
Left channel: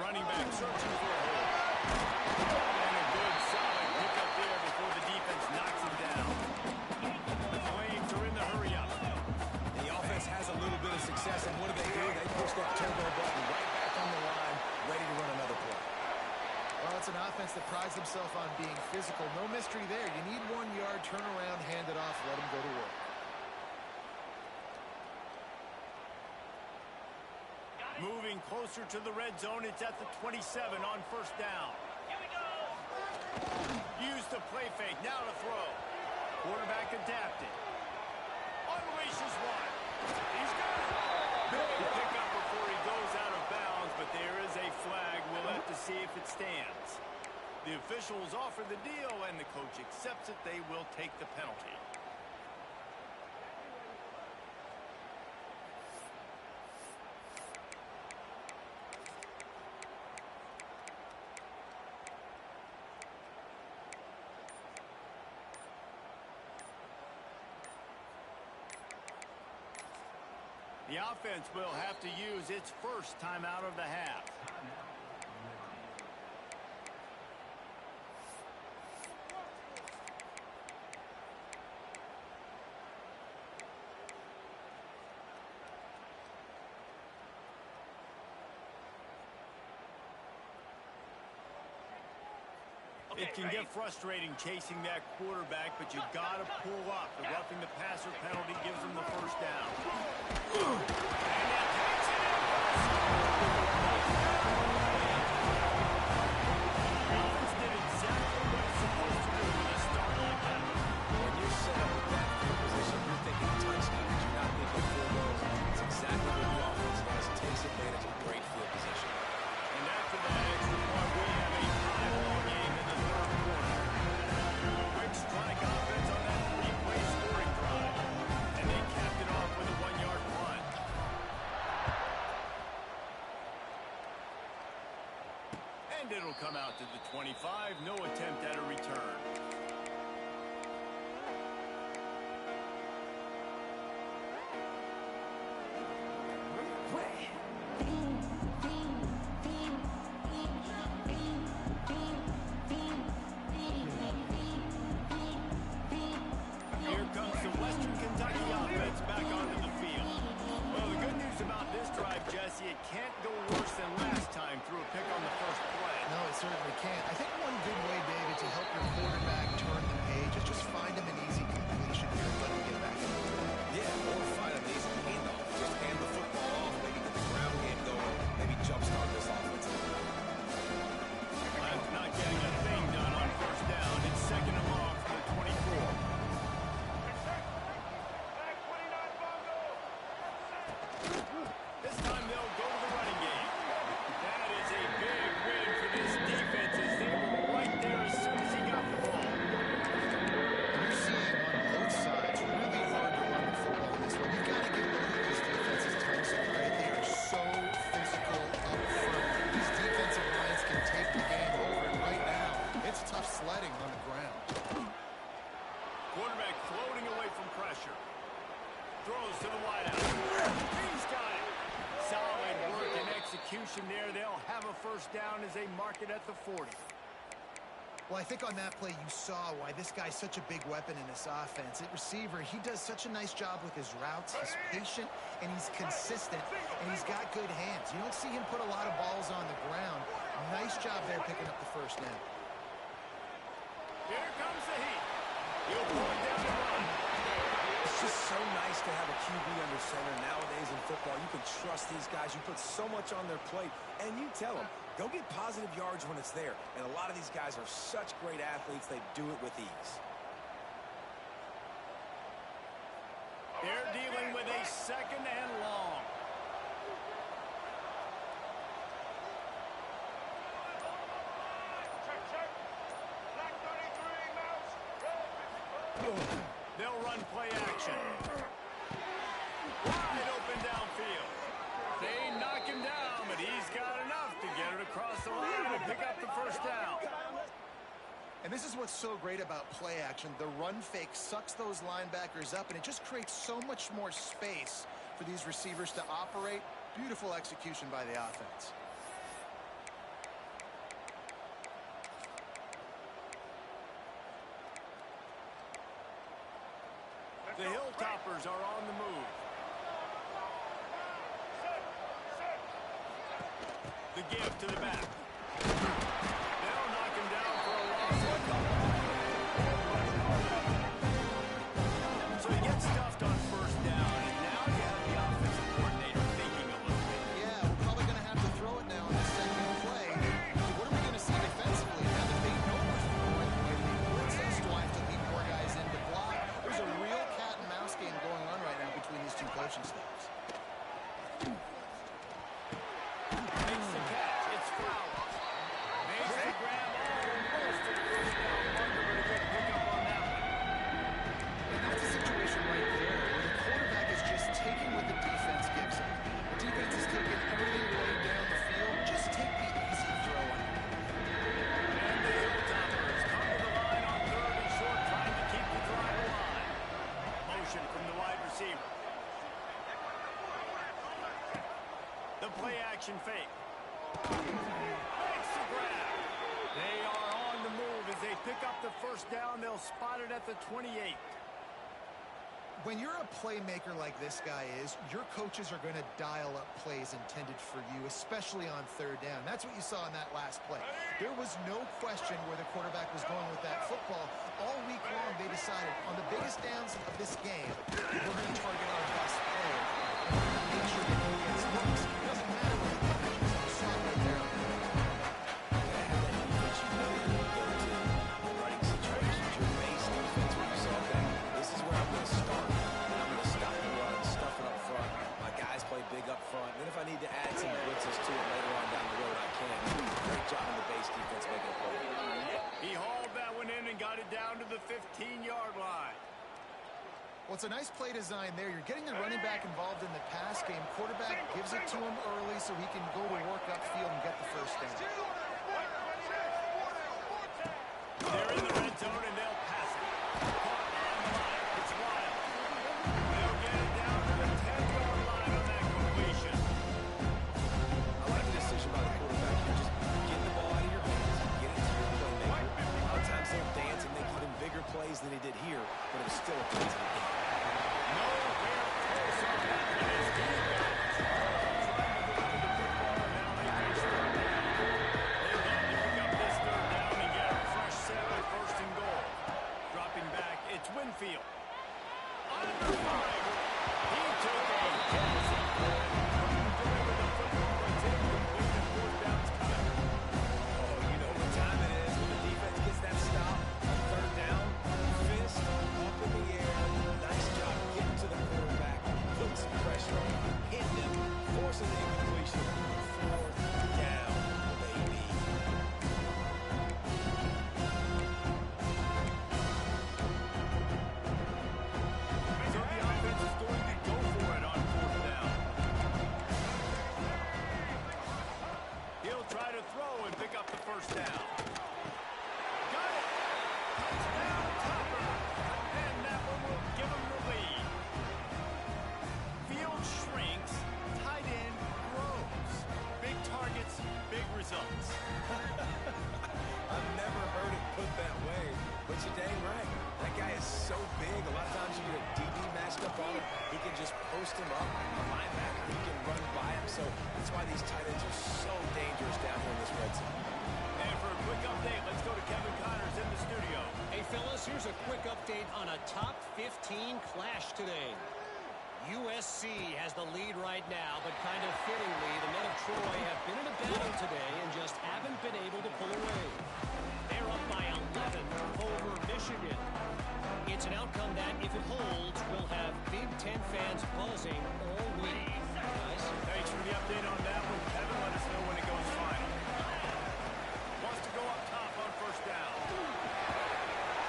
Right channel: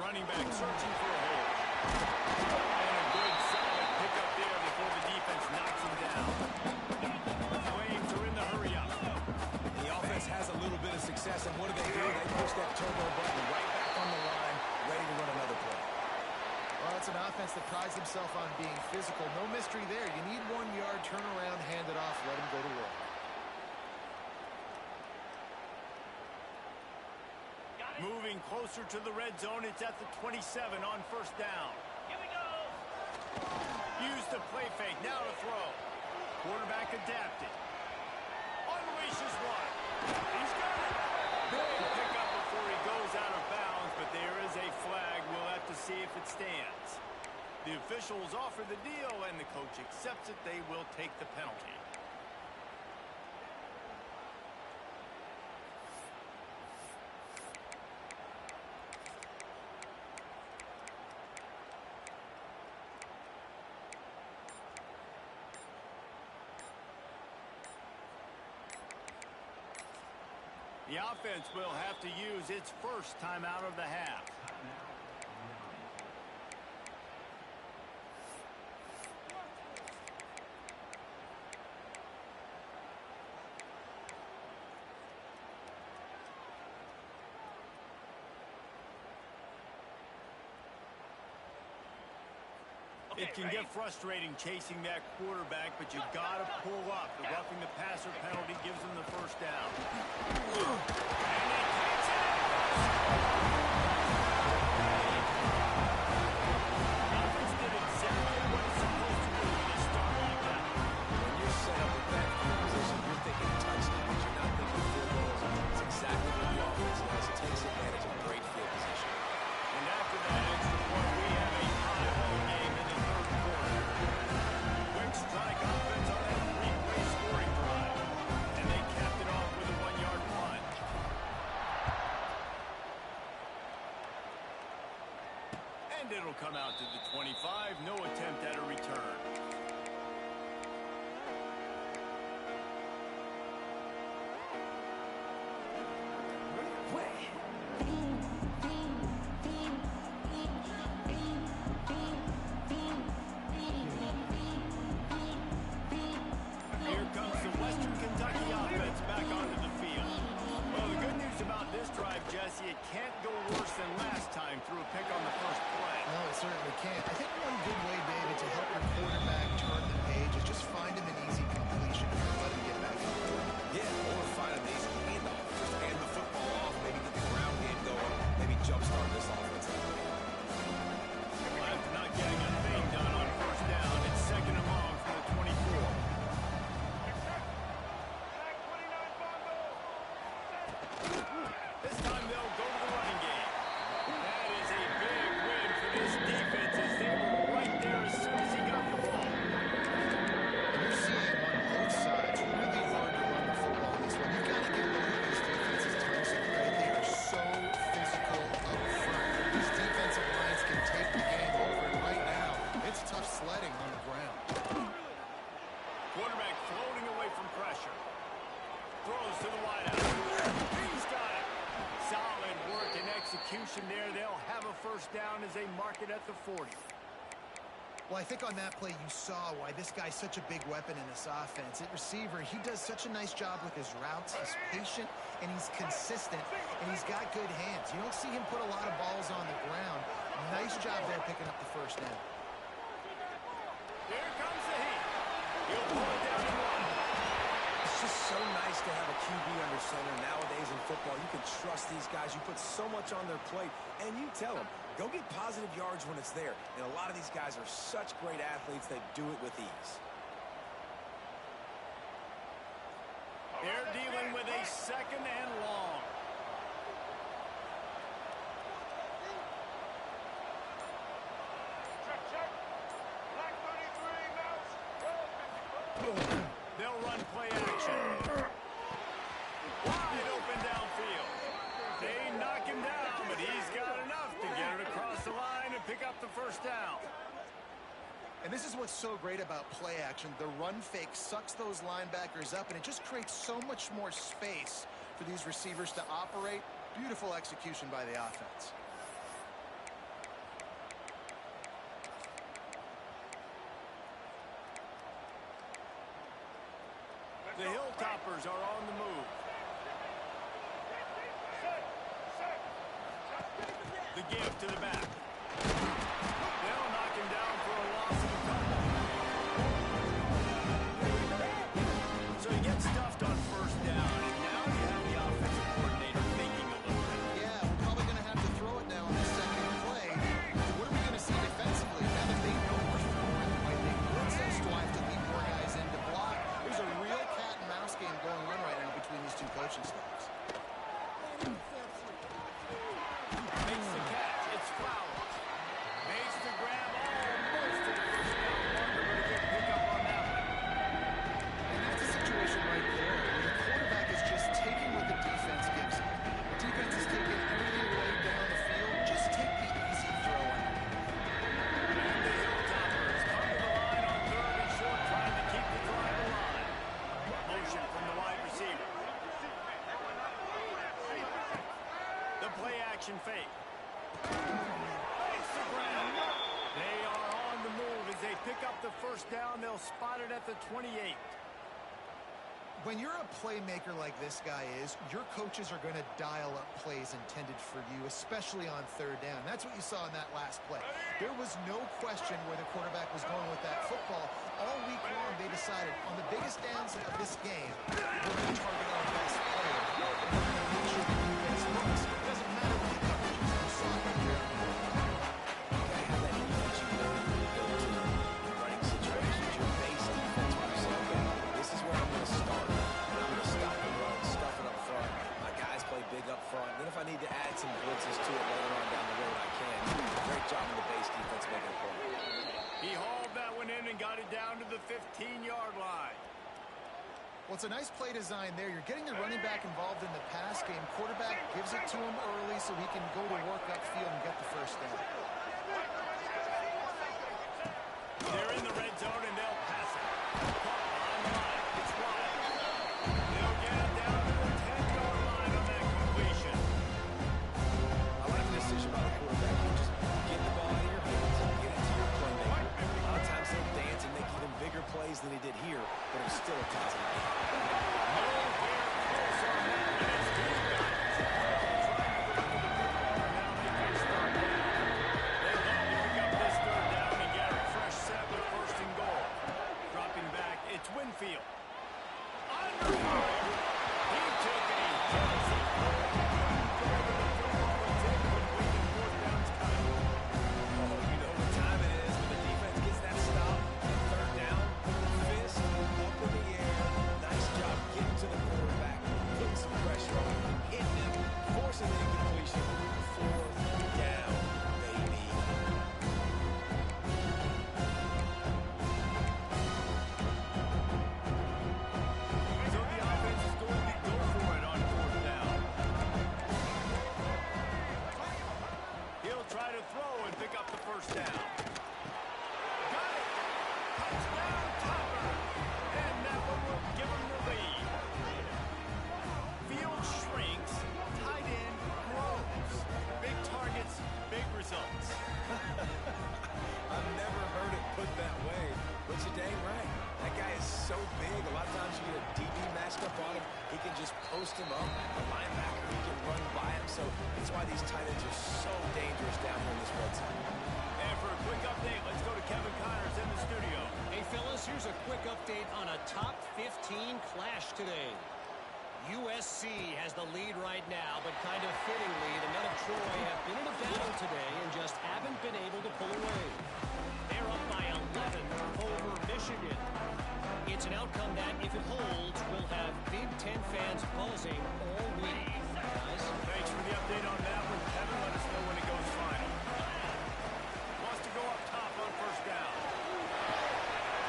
Running back searching for a hole. And a good solid pickup there before the defense knocks him down. The Flames are in the hurry up. The offense has a little bit of success, and what do? They push that turbo button right back on the line, ready to run another play. Well, it's an offense that prides themselves on being physical. No mystery there. You need 1 yard, turn around, hand it off, let him go to work. Moving closer to the red zone, it's at the 27 on first down. Here we go. Use the play fake, now to throw. Quarterback adapted. Unleashes one. He's got it. Big pickup before he goes out of bounds, but there is a flag. We'll have to see if it stands. The officials offer the deal, and the coach accepts it. They will take the penalty. The offense will have to use its first timeout of the half. It can get frustrating chasing that quarterback, but you got to pull up. The roughing the passer penalty gives them the first down. And he takes it in for the score. The offense did exactly what it's supposed to do with a start like that. When you're set up with that field position, you're thinking touchdowns. You're not thinking field goals. It's exactly what the offense does. Takes advantage of great field position. And after that extra point, we have a tie ball game in the third quarter. Quick strike offense on that three-play scoring drive. And they capped it off with a 1-yard punt. And it'll come out to the 25. No attempt at a return. Here comes the Western Kentucky offense back onto the field. Well, the good news about this drive, Jesse, it can't go worse than last time through a pick on the first play. No, it certainly can't. I think one good way, David, to help your quarterback turn the page is just find him an easy completion here and let him get back into the game. Yeah, or find an easy handoff. Just hand the football off, maybe get the ground game going, maybe jumpstart this offense. After not getting a thing done on first down, it's second and long from the 24. This time they'll go to the running game. That is a big win for this defense as they were right there as soon as he got the ball. And you're seeing on both sides, really hard to run the football in this one. You've got to give both of these defenses tons of credit. They are so physical up front. These defensive lines can take the game over, and right now, it's tough sledding on the ground. Quarterback floating away from pressure. Throws to the wideout. He's got it. Solid work and execution there. They'll have a first down as they mark it at the 40. Well, I think on that play you saw why this guy's such a big weapon in this offense. At receiver, he does such a nice job with his routes. He's patient, and he's consistent, and he's got good hands. You don't see him put a lot of balls on the ground. Nice job there picking up the first down. Here comes the heat. He'll pull it down and run. It's just so nice to have a QB under center nowadays in football. You can trust these guys. You put so much on their plate, and you tell them, go get positive yards when it's there. And a lot of these guys are such great athletes, they do it with ease. They're dealing with a second and long. Check. Black 33, mouse. Red 55. They'll run play action. Wide open downfield. They knock him down, but he's got enough to get it across the line and pick up the first down. And this is what's so great about play action. The run fake sucks those linebackers up, and it just creates so much more space for these receivers to operate. Beautiful execution by the offense. The Hilltoppers are on the move. The give to the back. They'll knock him down for a loss of a couple. So he gets stuffed on first down, and now you have the offensive coordinator thinking a little bit. Yeah, we're probably going to have to throw it now on the second play. What are we going to see defensively? Now that they know we're throwing the way they blitz us, do I have to lead more guys in to block? There's a real cat and mouse game going on right now between these two coaching staffs. Makes the catch. It's Flowers. Makes the grab almost to the first down marker, but a good pickup on that one. And that's a situation right there where the quarterback is just taking what the defense gives him. The defense is taking everything away down the field. Just take the easy throw on it. And the Hilltoppers come to the line on third and short, trying to keep the drive alive. Motion from the wide receiver. the play action fake. Makes the grab. They are on the move as they pick up the first down. They'll spot it at the 28. When you're a playmaker like this guy is, your coaches are going to dial up plays intended for you, especially on third down. That's what you saw in that last play. There was no question where the quarterback was going with that football. All week long, they decided on the biggest downs of this game, we're going to target our best player. We're going to make sure that he gets looks. It doesn't matter what the coverage is. You saw it right there. You got to have that defense you know you're going to go to in running situations. Your base defense where you say, okay, this is where I'm going to start. And I'm going to stop the run, stuff it up front. My guys play big up front. Then if I need to add some blitzes to it later on down the road, I can. Great job in the base defense making a play. He hauled that one in and got it down to the 15-yard line. Well, it's a nice play design there. You're getting the running back involved in the pass game. Quarterback gives it to him early so he can go to work upfield and get the first down. They're in the red zone and they'll pass it. Caught behind the line. It's wild. They'll get it down to the 10-yard line on that completion. I like the decision by the quarterback here. Just get the ball out of your hands, get it to your playmaker. A lot of times they'll dance and make even bigger plays than he did here, but it was still a positive game. Nowhere close on that one as he got trying to deliver the football, and now they face third down. They love to pick up this third down and get a fresh set with first and goal. Dropping back, it's Winfield. Under fire. He took a hit as he couldn't deliver the football. It's incomplete and fourth down's coming. Oh, you know what time it is when the defense gets that stop on third down. Fist up in the air. Nice job getting to the quarterback, putting some pressure on him, hitting him, forcing the incompletion. Fourth down, baby. So the offense is going to go for it on fourth down. He'll try to throw and pick up the first down. Got it! Touchdown, Topper! And that one will give him the lead. Field shrinks, tight end grows. Big targets, big results. I've never heard it put that way, but you're dang right. That guy is so big. A lot of times you get a DB matched up on him. He can just post him up. A linebacker, he can run by him. So that's why these tight ends are so dangerous down here in this red zone. And for a quick update, let's go to Kevin Connors in the studio. Hey, fellas, here's a quick update on a top 15 clash today. USC has the lead right now, but kind of fittingly, the men of Troy have been in a battle today and just haven't been able to pull away. They're up by 11 over Michigan. It's an outcome that, if it holds, will have Big Ten fans buzzing all week. Guys? Thanks for the update on that one, Kevin. Let us know when it goes final. Wants to go up top on first down.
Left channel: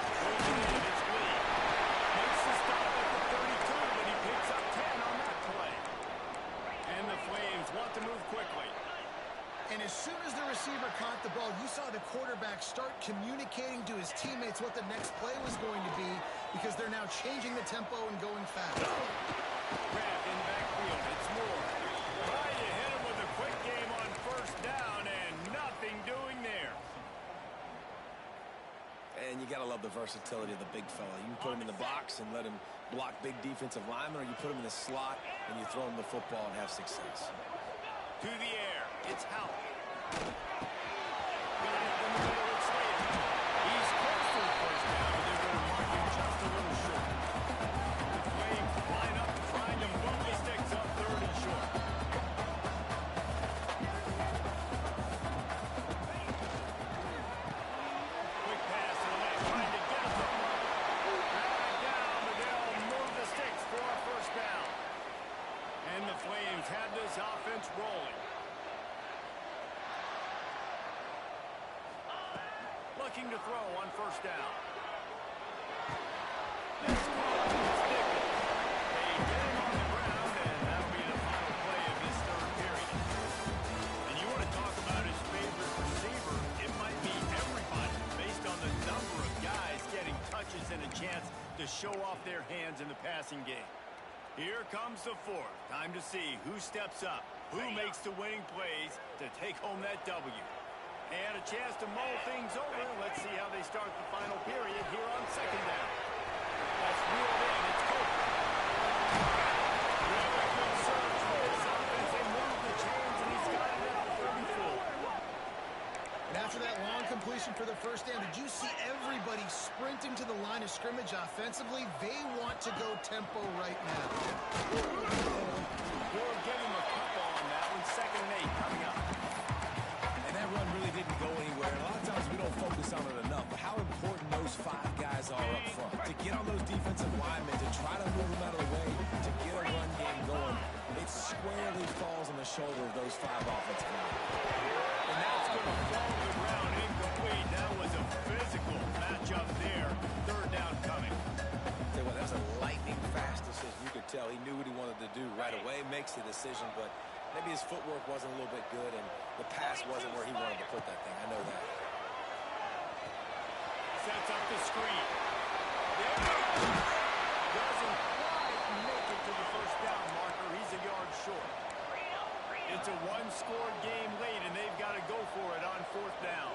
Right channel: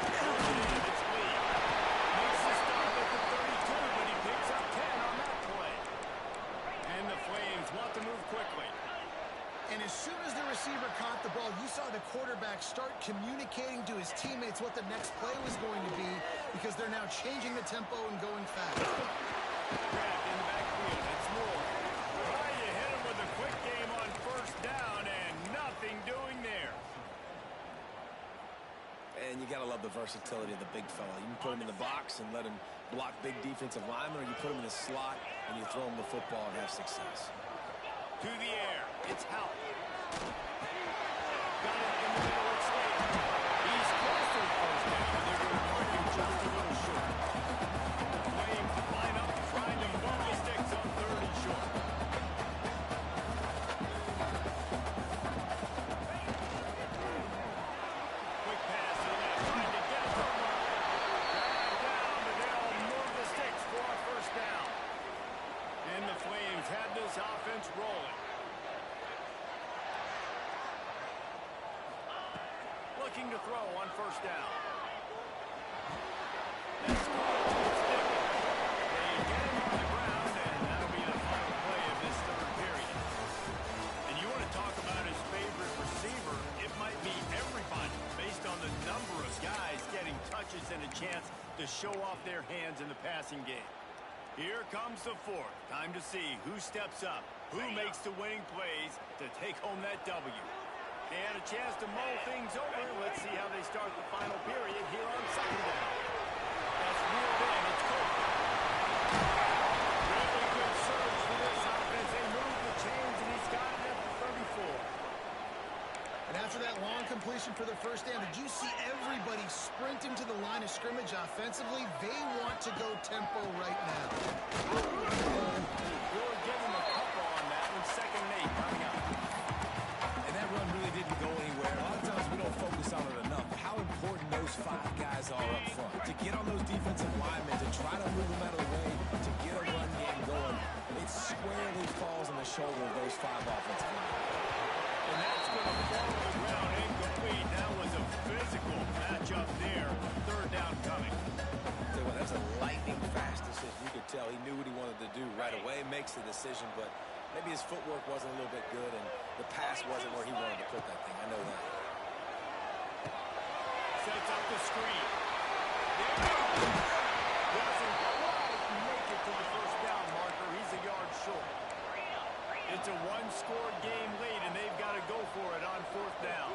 Goes in, it's Lee. Makes the stop at the 32, but he picks up 10 on that play. And the Flames want to move quickly. And as soon as the receiver caught the ball, you saw the quarterback start communicating to his teammates what the next play was going to be because they're now changing the tempo and going fast. Grabbed in the backfield. It's Moore. Trying to hit him with a quick game on first down and nothing doing there. And you got to love the versatility of the big fella. You can put him in the box and let him block big defensive linemen, or you put him in the slot and you throw him the football and have success. To the air. It's Howell. Got it in the middle. It's Slater. He's close to the first down, but they're going to mark him just a little short. Flames line up, trying to move the sticks on third and short. Quick pass to the left, trying to get it to him. Drag down, but they'll move the sticks for a first down. And the Flames have this offense rolling. Looking to throw on first down. That's caught. It's Dickens. They get him on the ground, and that'll be the final play of this third period. And you want to talk about his favorite receiver, it might be everybody, based on the number of guys getting touches and a chance to show off their hands in the passing game. Here comes the fourth. Time to see who steps up, who makes the winning plays to take home that W. And a chance to mull things over. Let's see how they start the final period here on second down. That's reeled in. It's Copeland. Really good surge for this offense. They move the chains, and he's got it at the 34. And after that long completion for the first down, did you see everybody sprinting to the line of scrimmage offensively? They want to go tempo right now. We'll give him a couple on that one. 2nd and 8 coming up. And that run really didn't go anywhere. A lot of times we don't focus on it enough. But how important those 5 guys are up front. To get on those defensive linemen, to try to move them out of the way, to get a run game going, it squarely falls on the shoulder of those 5 offensive linemen. And that's going to fall to the ground incomplete. That was a physical matchup there. 3rd down coming. Tell you what, that was a lightning-fast decision. You could tell he knew what he wanted to do right away, makes the decision, but maybe his footwork wasn't a little bit good, and the pass wasn't where he wanted to put that thing. I know that. Sets up the screen. There he goes. Doesn't quite make it to the 1st down marker. He's a yard short. It's a 1-score game late, and they've got to go for it on 4th down.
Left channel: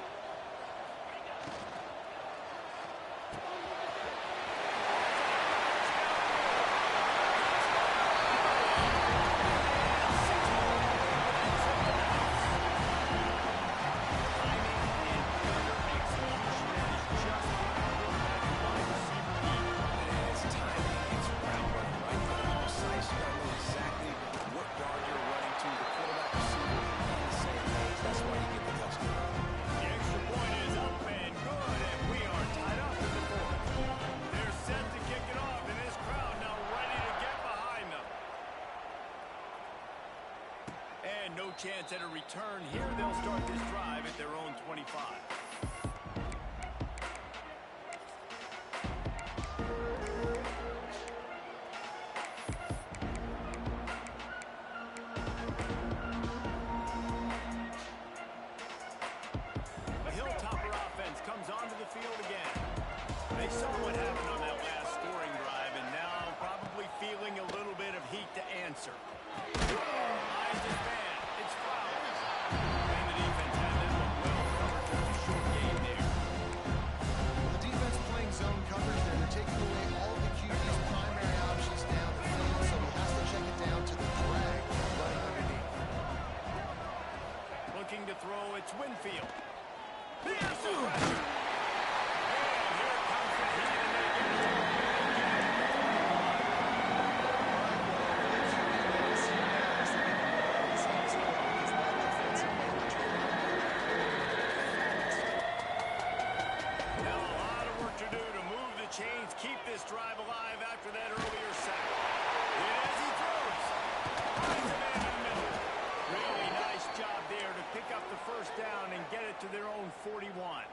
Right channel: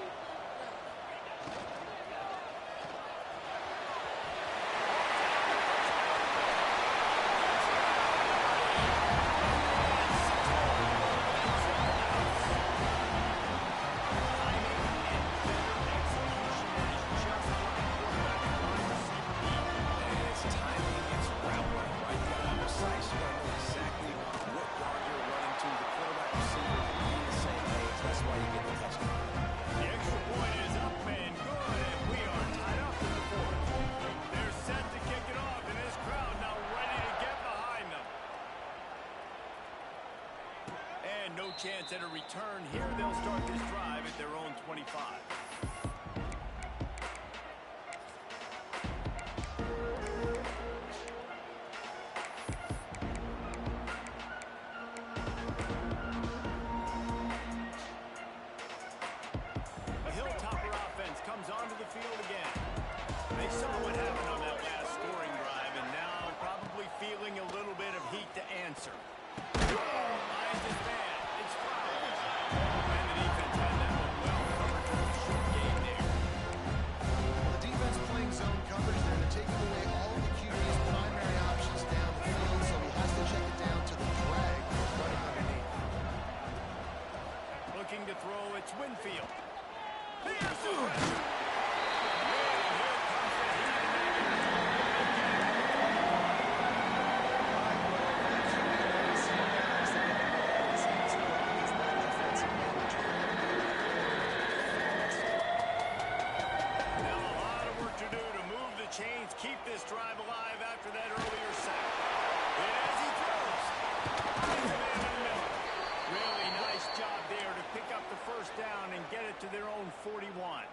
No chance at a return here. They'll start this drive at their own 25. The Hilltopper offense comes onto the field again. They saw what happened on that last scoring drive, and now probably feeling a little bit of heat to answer. Finds his man. It's Flowers. And the defense had that one well covered for the short game there. Well, the defense playing zone coverage there. They're taking away all of the QB's primary options down the field, so he has to check it down to the drag running underneath. Looking to throw, it's Winfield. Here's the pressure. And here comes the heat, and they get it. Chains keep this drive alive after that earlier sack. And as he throws, finds a man in the middle. Really nice job there to pick up the 1st down and get it to their own 41.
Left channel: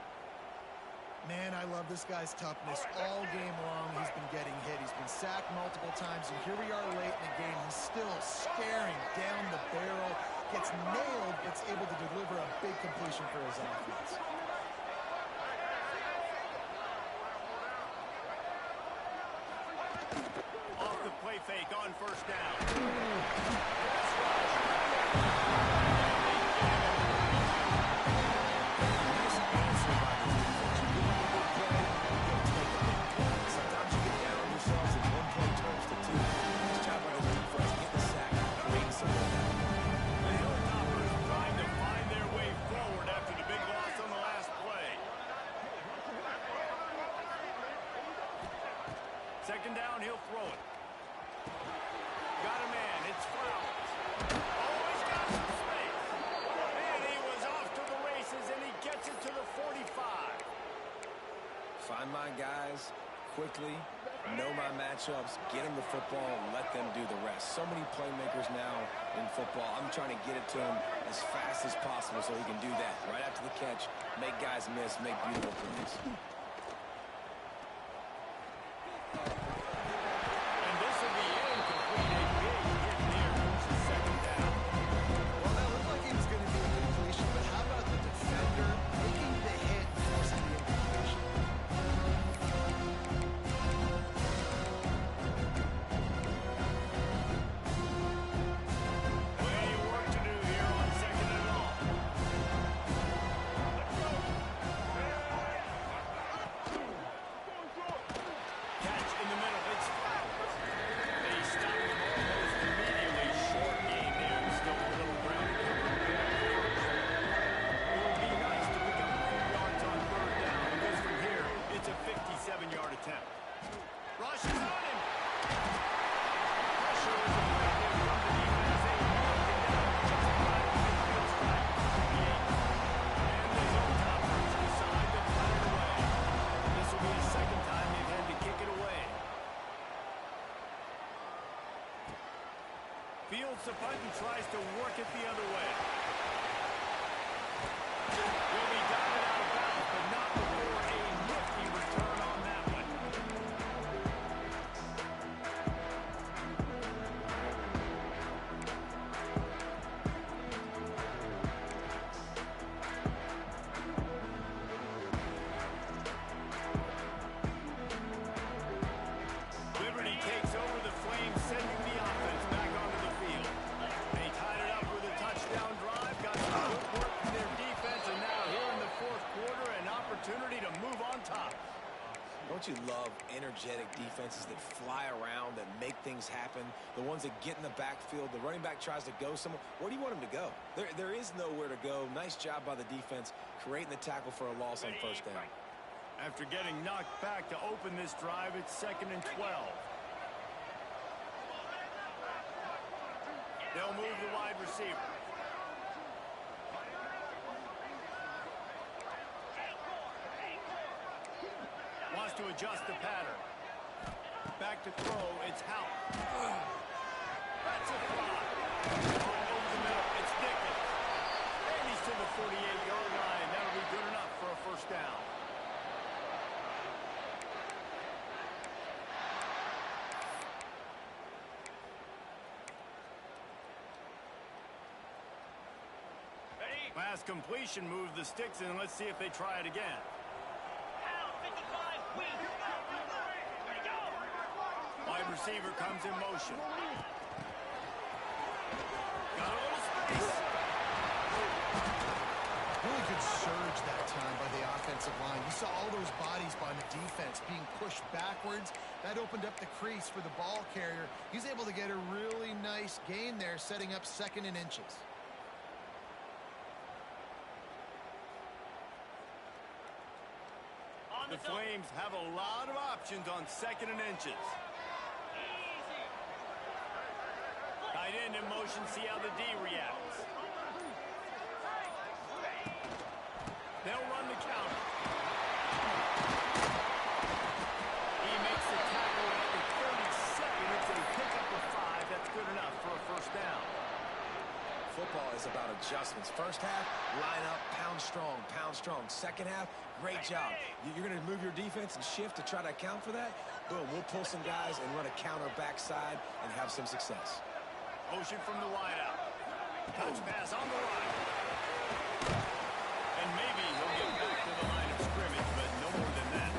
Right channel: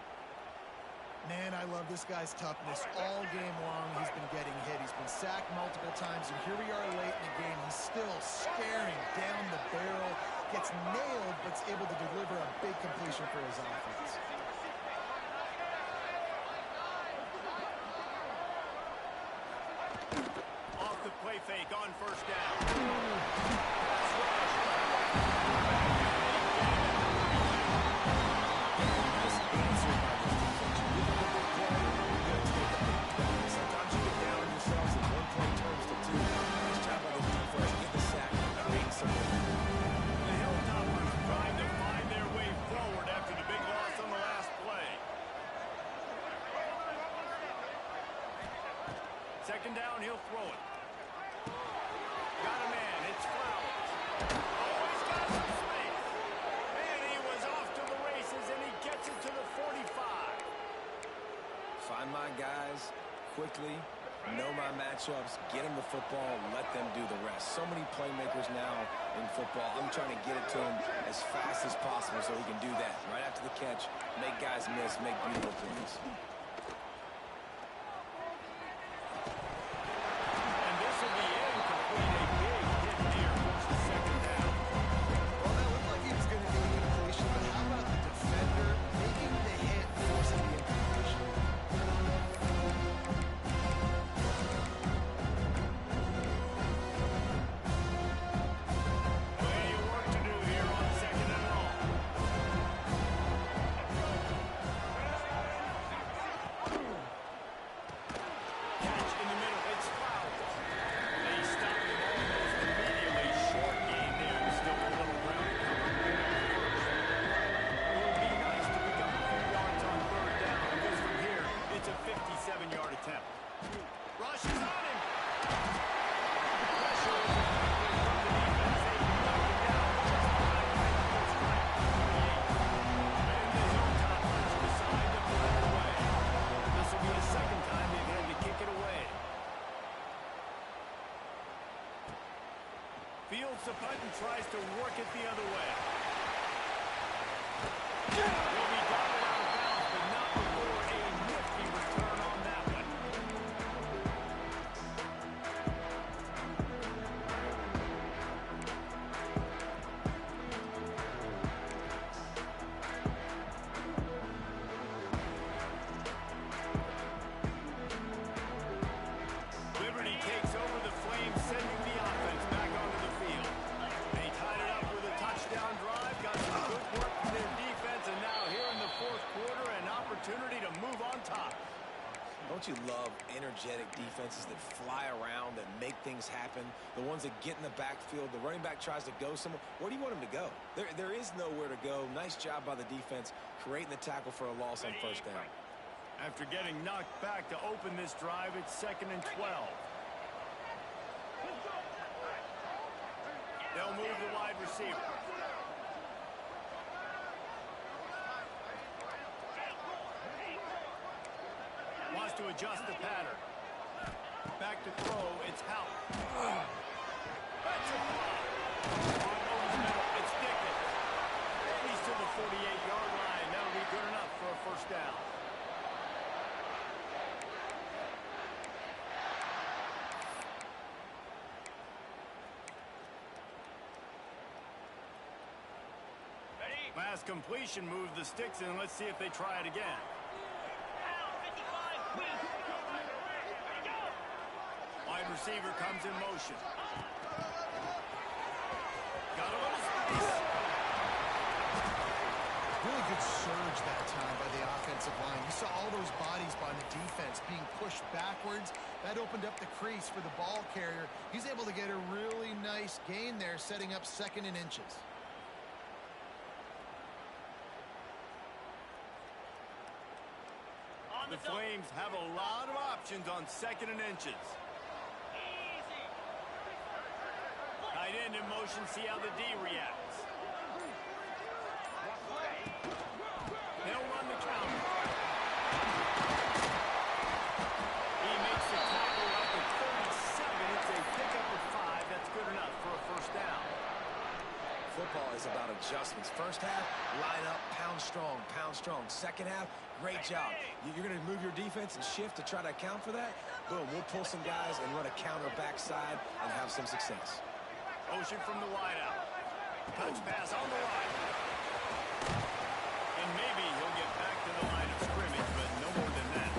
Man, I love this guy's toughness. All game long, he's been getting hit. He's been sacked multiple times, and here we are late in the game. He's still staring down the barrel, gets nailed, but is able to deliver a big completion for his offense. Off the play fake on 1st down. Pass rush. And they get him at the 32. Nice answer by this defense. You give them a big play, you'll take a big play. Sometimes you get down on yourselves and 1 play turns to 2. Nice job by this defense. Get the sack, create some momentum. The Hilltoppers trying to find their way forward after the big loss on the last play. 2nd down, he'll throw it. Got a man, it's Flowers. Oh, he's got some space. And he was off to the races, and he gets it to the 45. Find my guys quickly, know my matchups, get them the football, let them do the rest. So many playmakers now in football. I'm trying to get it to him as fast as possible so he can do that. Right after the catch, make guys miss, make beautiful plays. And this will be incomplete. A big hit there forces 2nd down. Well, that looked like he was going to be a completion, but how about the defender making the hit, forcing the incompletion? flips a punt and tries to work it the other way. He'll be dotted out of bounds, but not before a nifty return on that one. Liberty takes over the Flames, sending the offense back onto the field. They tied it up with a touchdown drive, got some good work from their defense, and now here in the fourth quarter, an opportunity to move on top. Don't you love energetic defenses that fly around, that make things happen? The ones that get in the backfield, the running back tries to go somewhere. Where do you want him to go? There is nowhere to go. Nice job by the defense, creating the tackle for a loss on first down. After getting knocked back to open this drive, it's 2nd and 12. They'll move the wide receiver. Wants to adjust the pattern. Back to throw, it's Howard. That's a fly. Over the middle, it's Dickens. And he's to the 48-yard line. That'll be good enough for a first down. Last completion moved the sticks in. Let's see if they try it again. Wide receiver comes in motion. Got a little space. Really good surge that time by the offensive line. You saw all those bodies by the defense being pushed backwards. That opened up the crease for the ball carrier. He's able to get a really nice gain there, setting up 2nd and inches. The Flames have a lot of options on 2nd and inches. Tight end in motion, see how the D reacts. They'll run the counter. He makes the tackle at the 37. It's a pickup of 5. That's good enough for a first down. Football is about adjustments. First half, line up, pound strong, pound strong. Second half, great job. You're going to move your defense and shift to try to account for that? Boom, we'll pull some guys and run a counter backside and have some success. Motion from the wideout. Touch pass on the right. And maybe he'll get back to the line of scrimmage, but no more than that.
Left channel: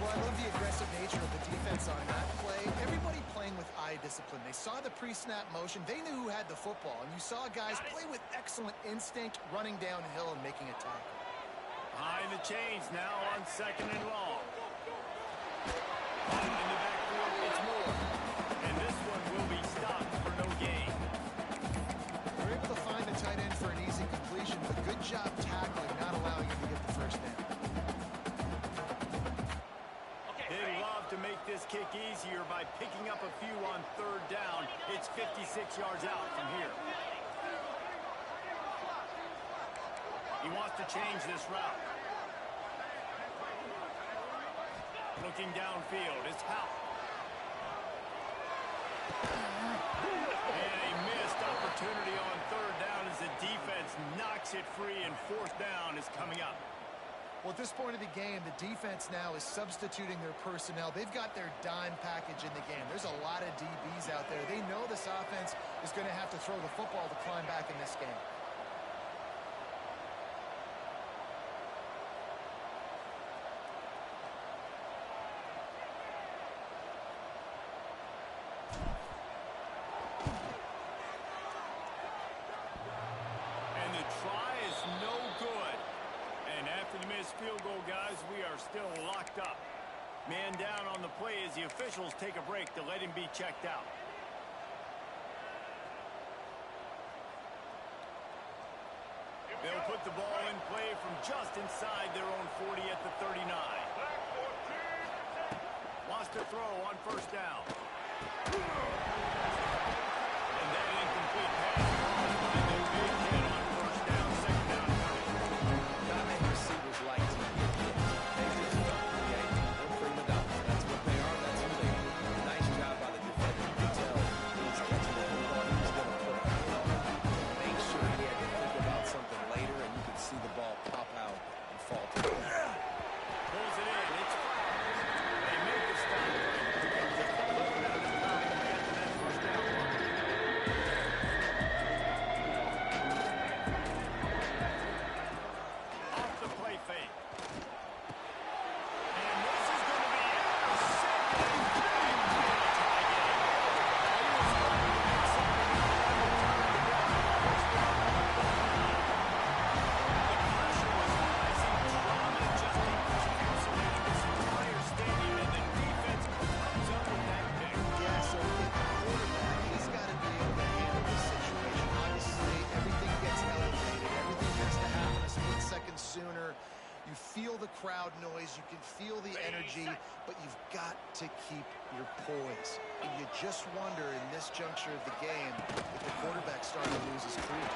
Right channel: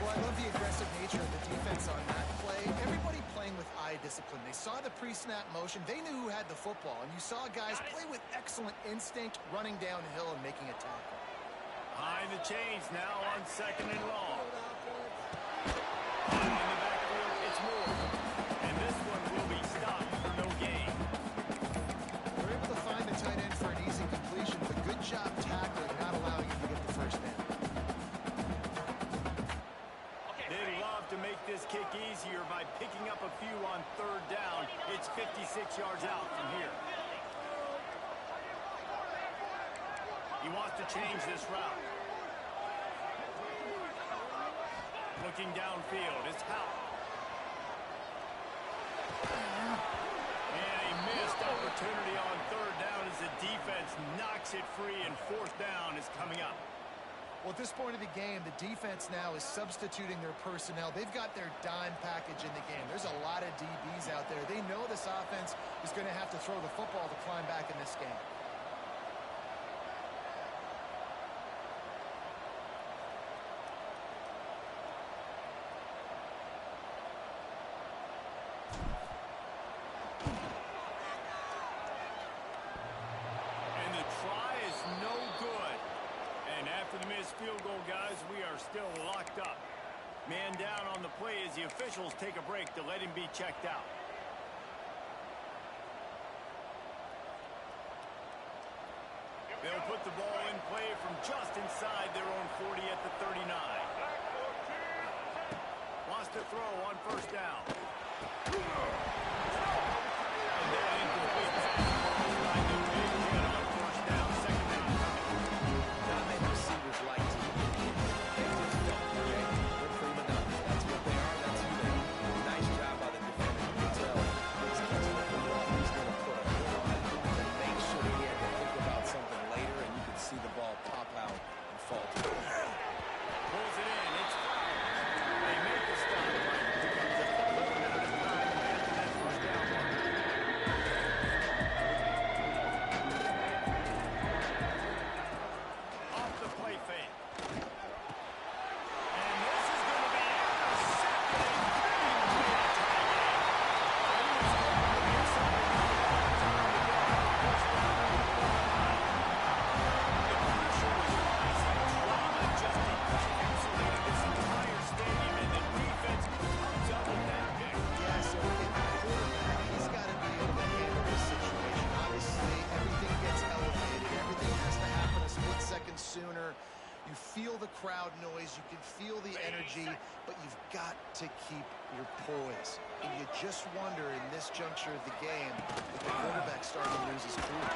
Well, I love the aggressive nature of the defense on that play. Everybody playing with eye discipline. They saw the pre-snap motion. They knew who had the football. And you saw guys play with excellent instinct, running downhill and making a tackle. Behind the chains now on 2nd and long. In the backfield, it's Moore. And this one will be stopped for no gain. They're able to find the tight end for an easy completion, but good job tackling, not allowing him to get the first down. They love to make this kick easier by picking up a few on 3rd down. It's 56 yards out from here. He wants to change this route. Looking downfield, it's Howard. And a missed opportunity on 3rd down as the defense knocks it free, and 4th down is coming up. Well, at this point of the game, the defense now is substituting their personnel. They've got their dime package in the game. There's a lot of DBs out there. They know this offense is going to have to throw the football to climb back in this game. And the try is no good. And after the missed field goal, guys, we are still locked up. Man down on the play as the officials take a break to let him be checked out. They'll put the ball in play from just inside their own 40 at the 39. Wants to throw on 1st down. And that incomplete pass crossed by the big hit on 1st down. 2nd down coming. Not many receivers like to get hit. They just don't, okay? They're prima donnas. That's what they are. That's who they are. Nice job by the defender. You can tell he's catching the football You feel the crowd noise. You can feel the energy, but you've got to keep your poise. And you just wonder in this juncture of the game if the quarterback's starting to lose his cool.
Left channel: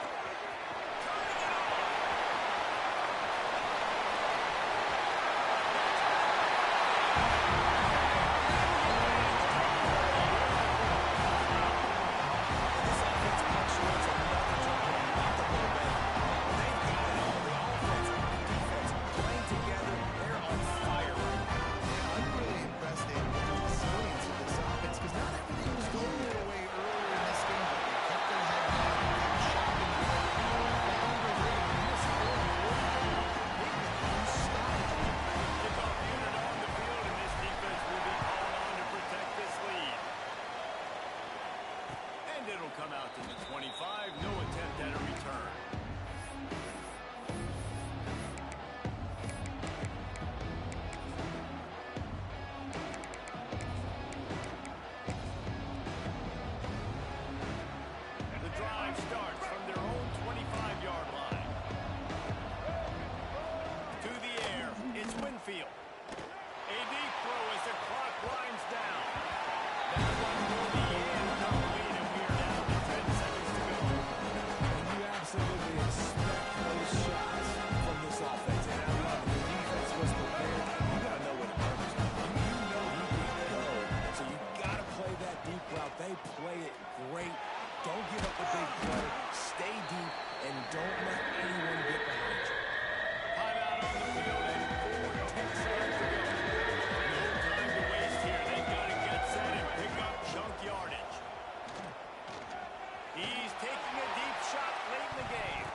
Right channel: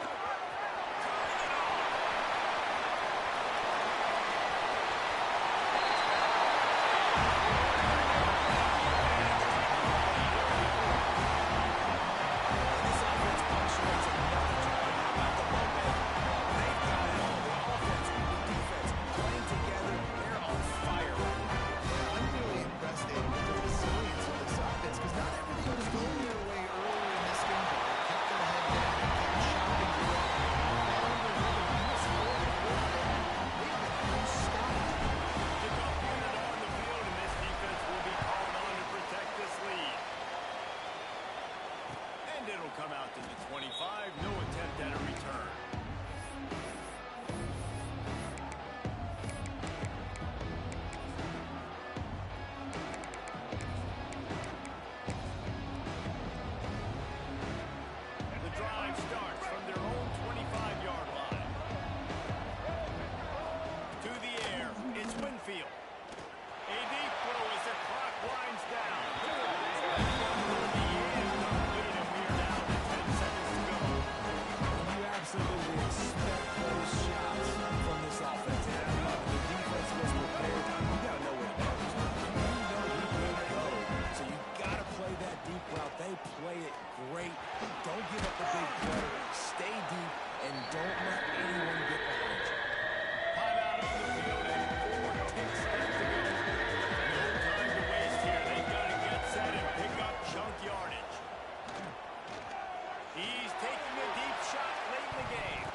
It'll come out to the 25. No attempt at a return. And the drive starts from their own 25-yard line. To the air, it's Winfield. A deep throw as the clock winds down. That one will be incomplete, and we are down to 10 seconds to go. And you absolutely expect those shots from this offense, and I love it. The defense was prepared. You got to know where the burgers are. You know he can go, so you got to play that deep route. They play it great. Don't give up the big play. Stay deep, and don't let anyone get behind you. Timeout on the field, and 4 ticks left to go. No time to waste here. They've got to get set and pick up chunk yardage. He's taking a deep shot late in the game.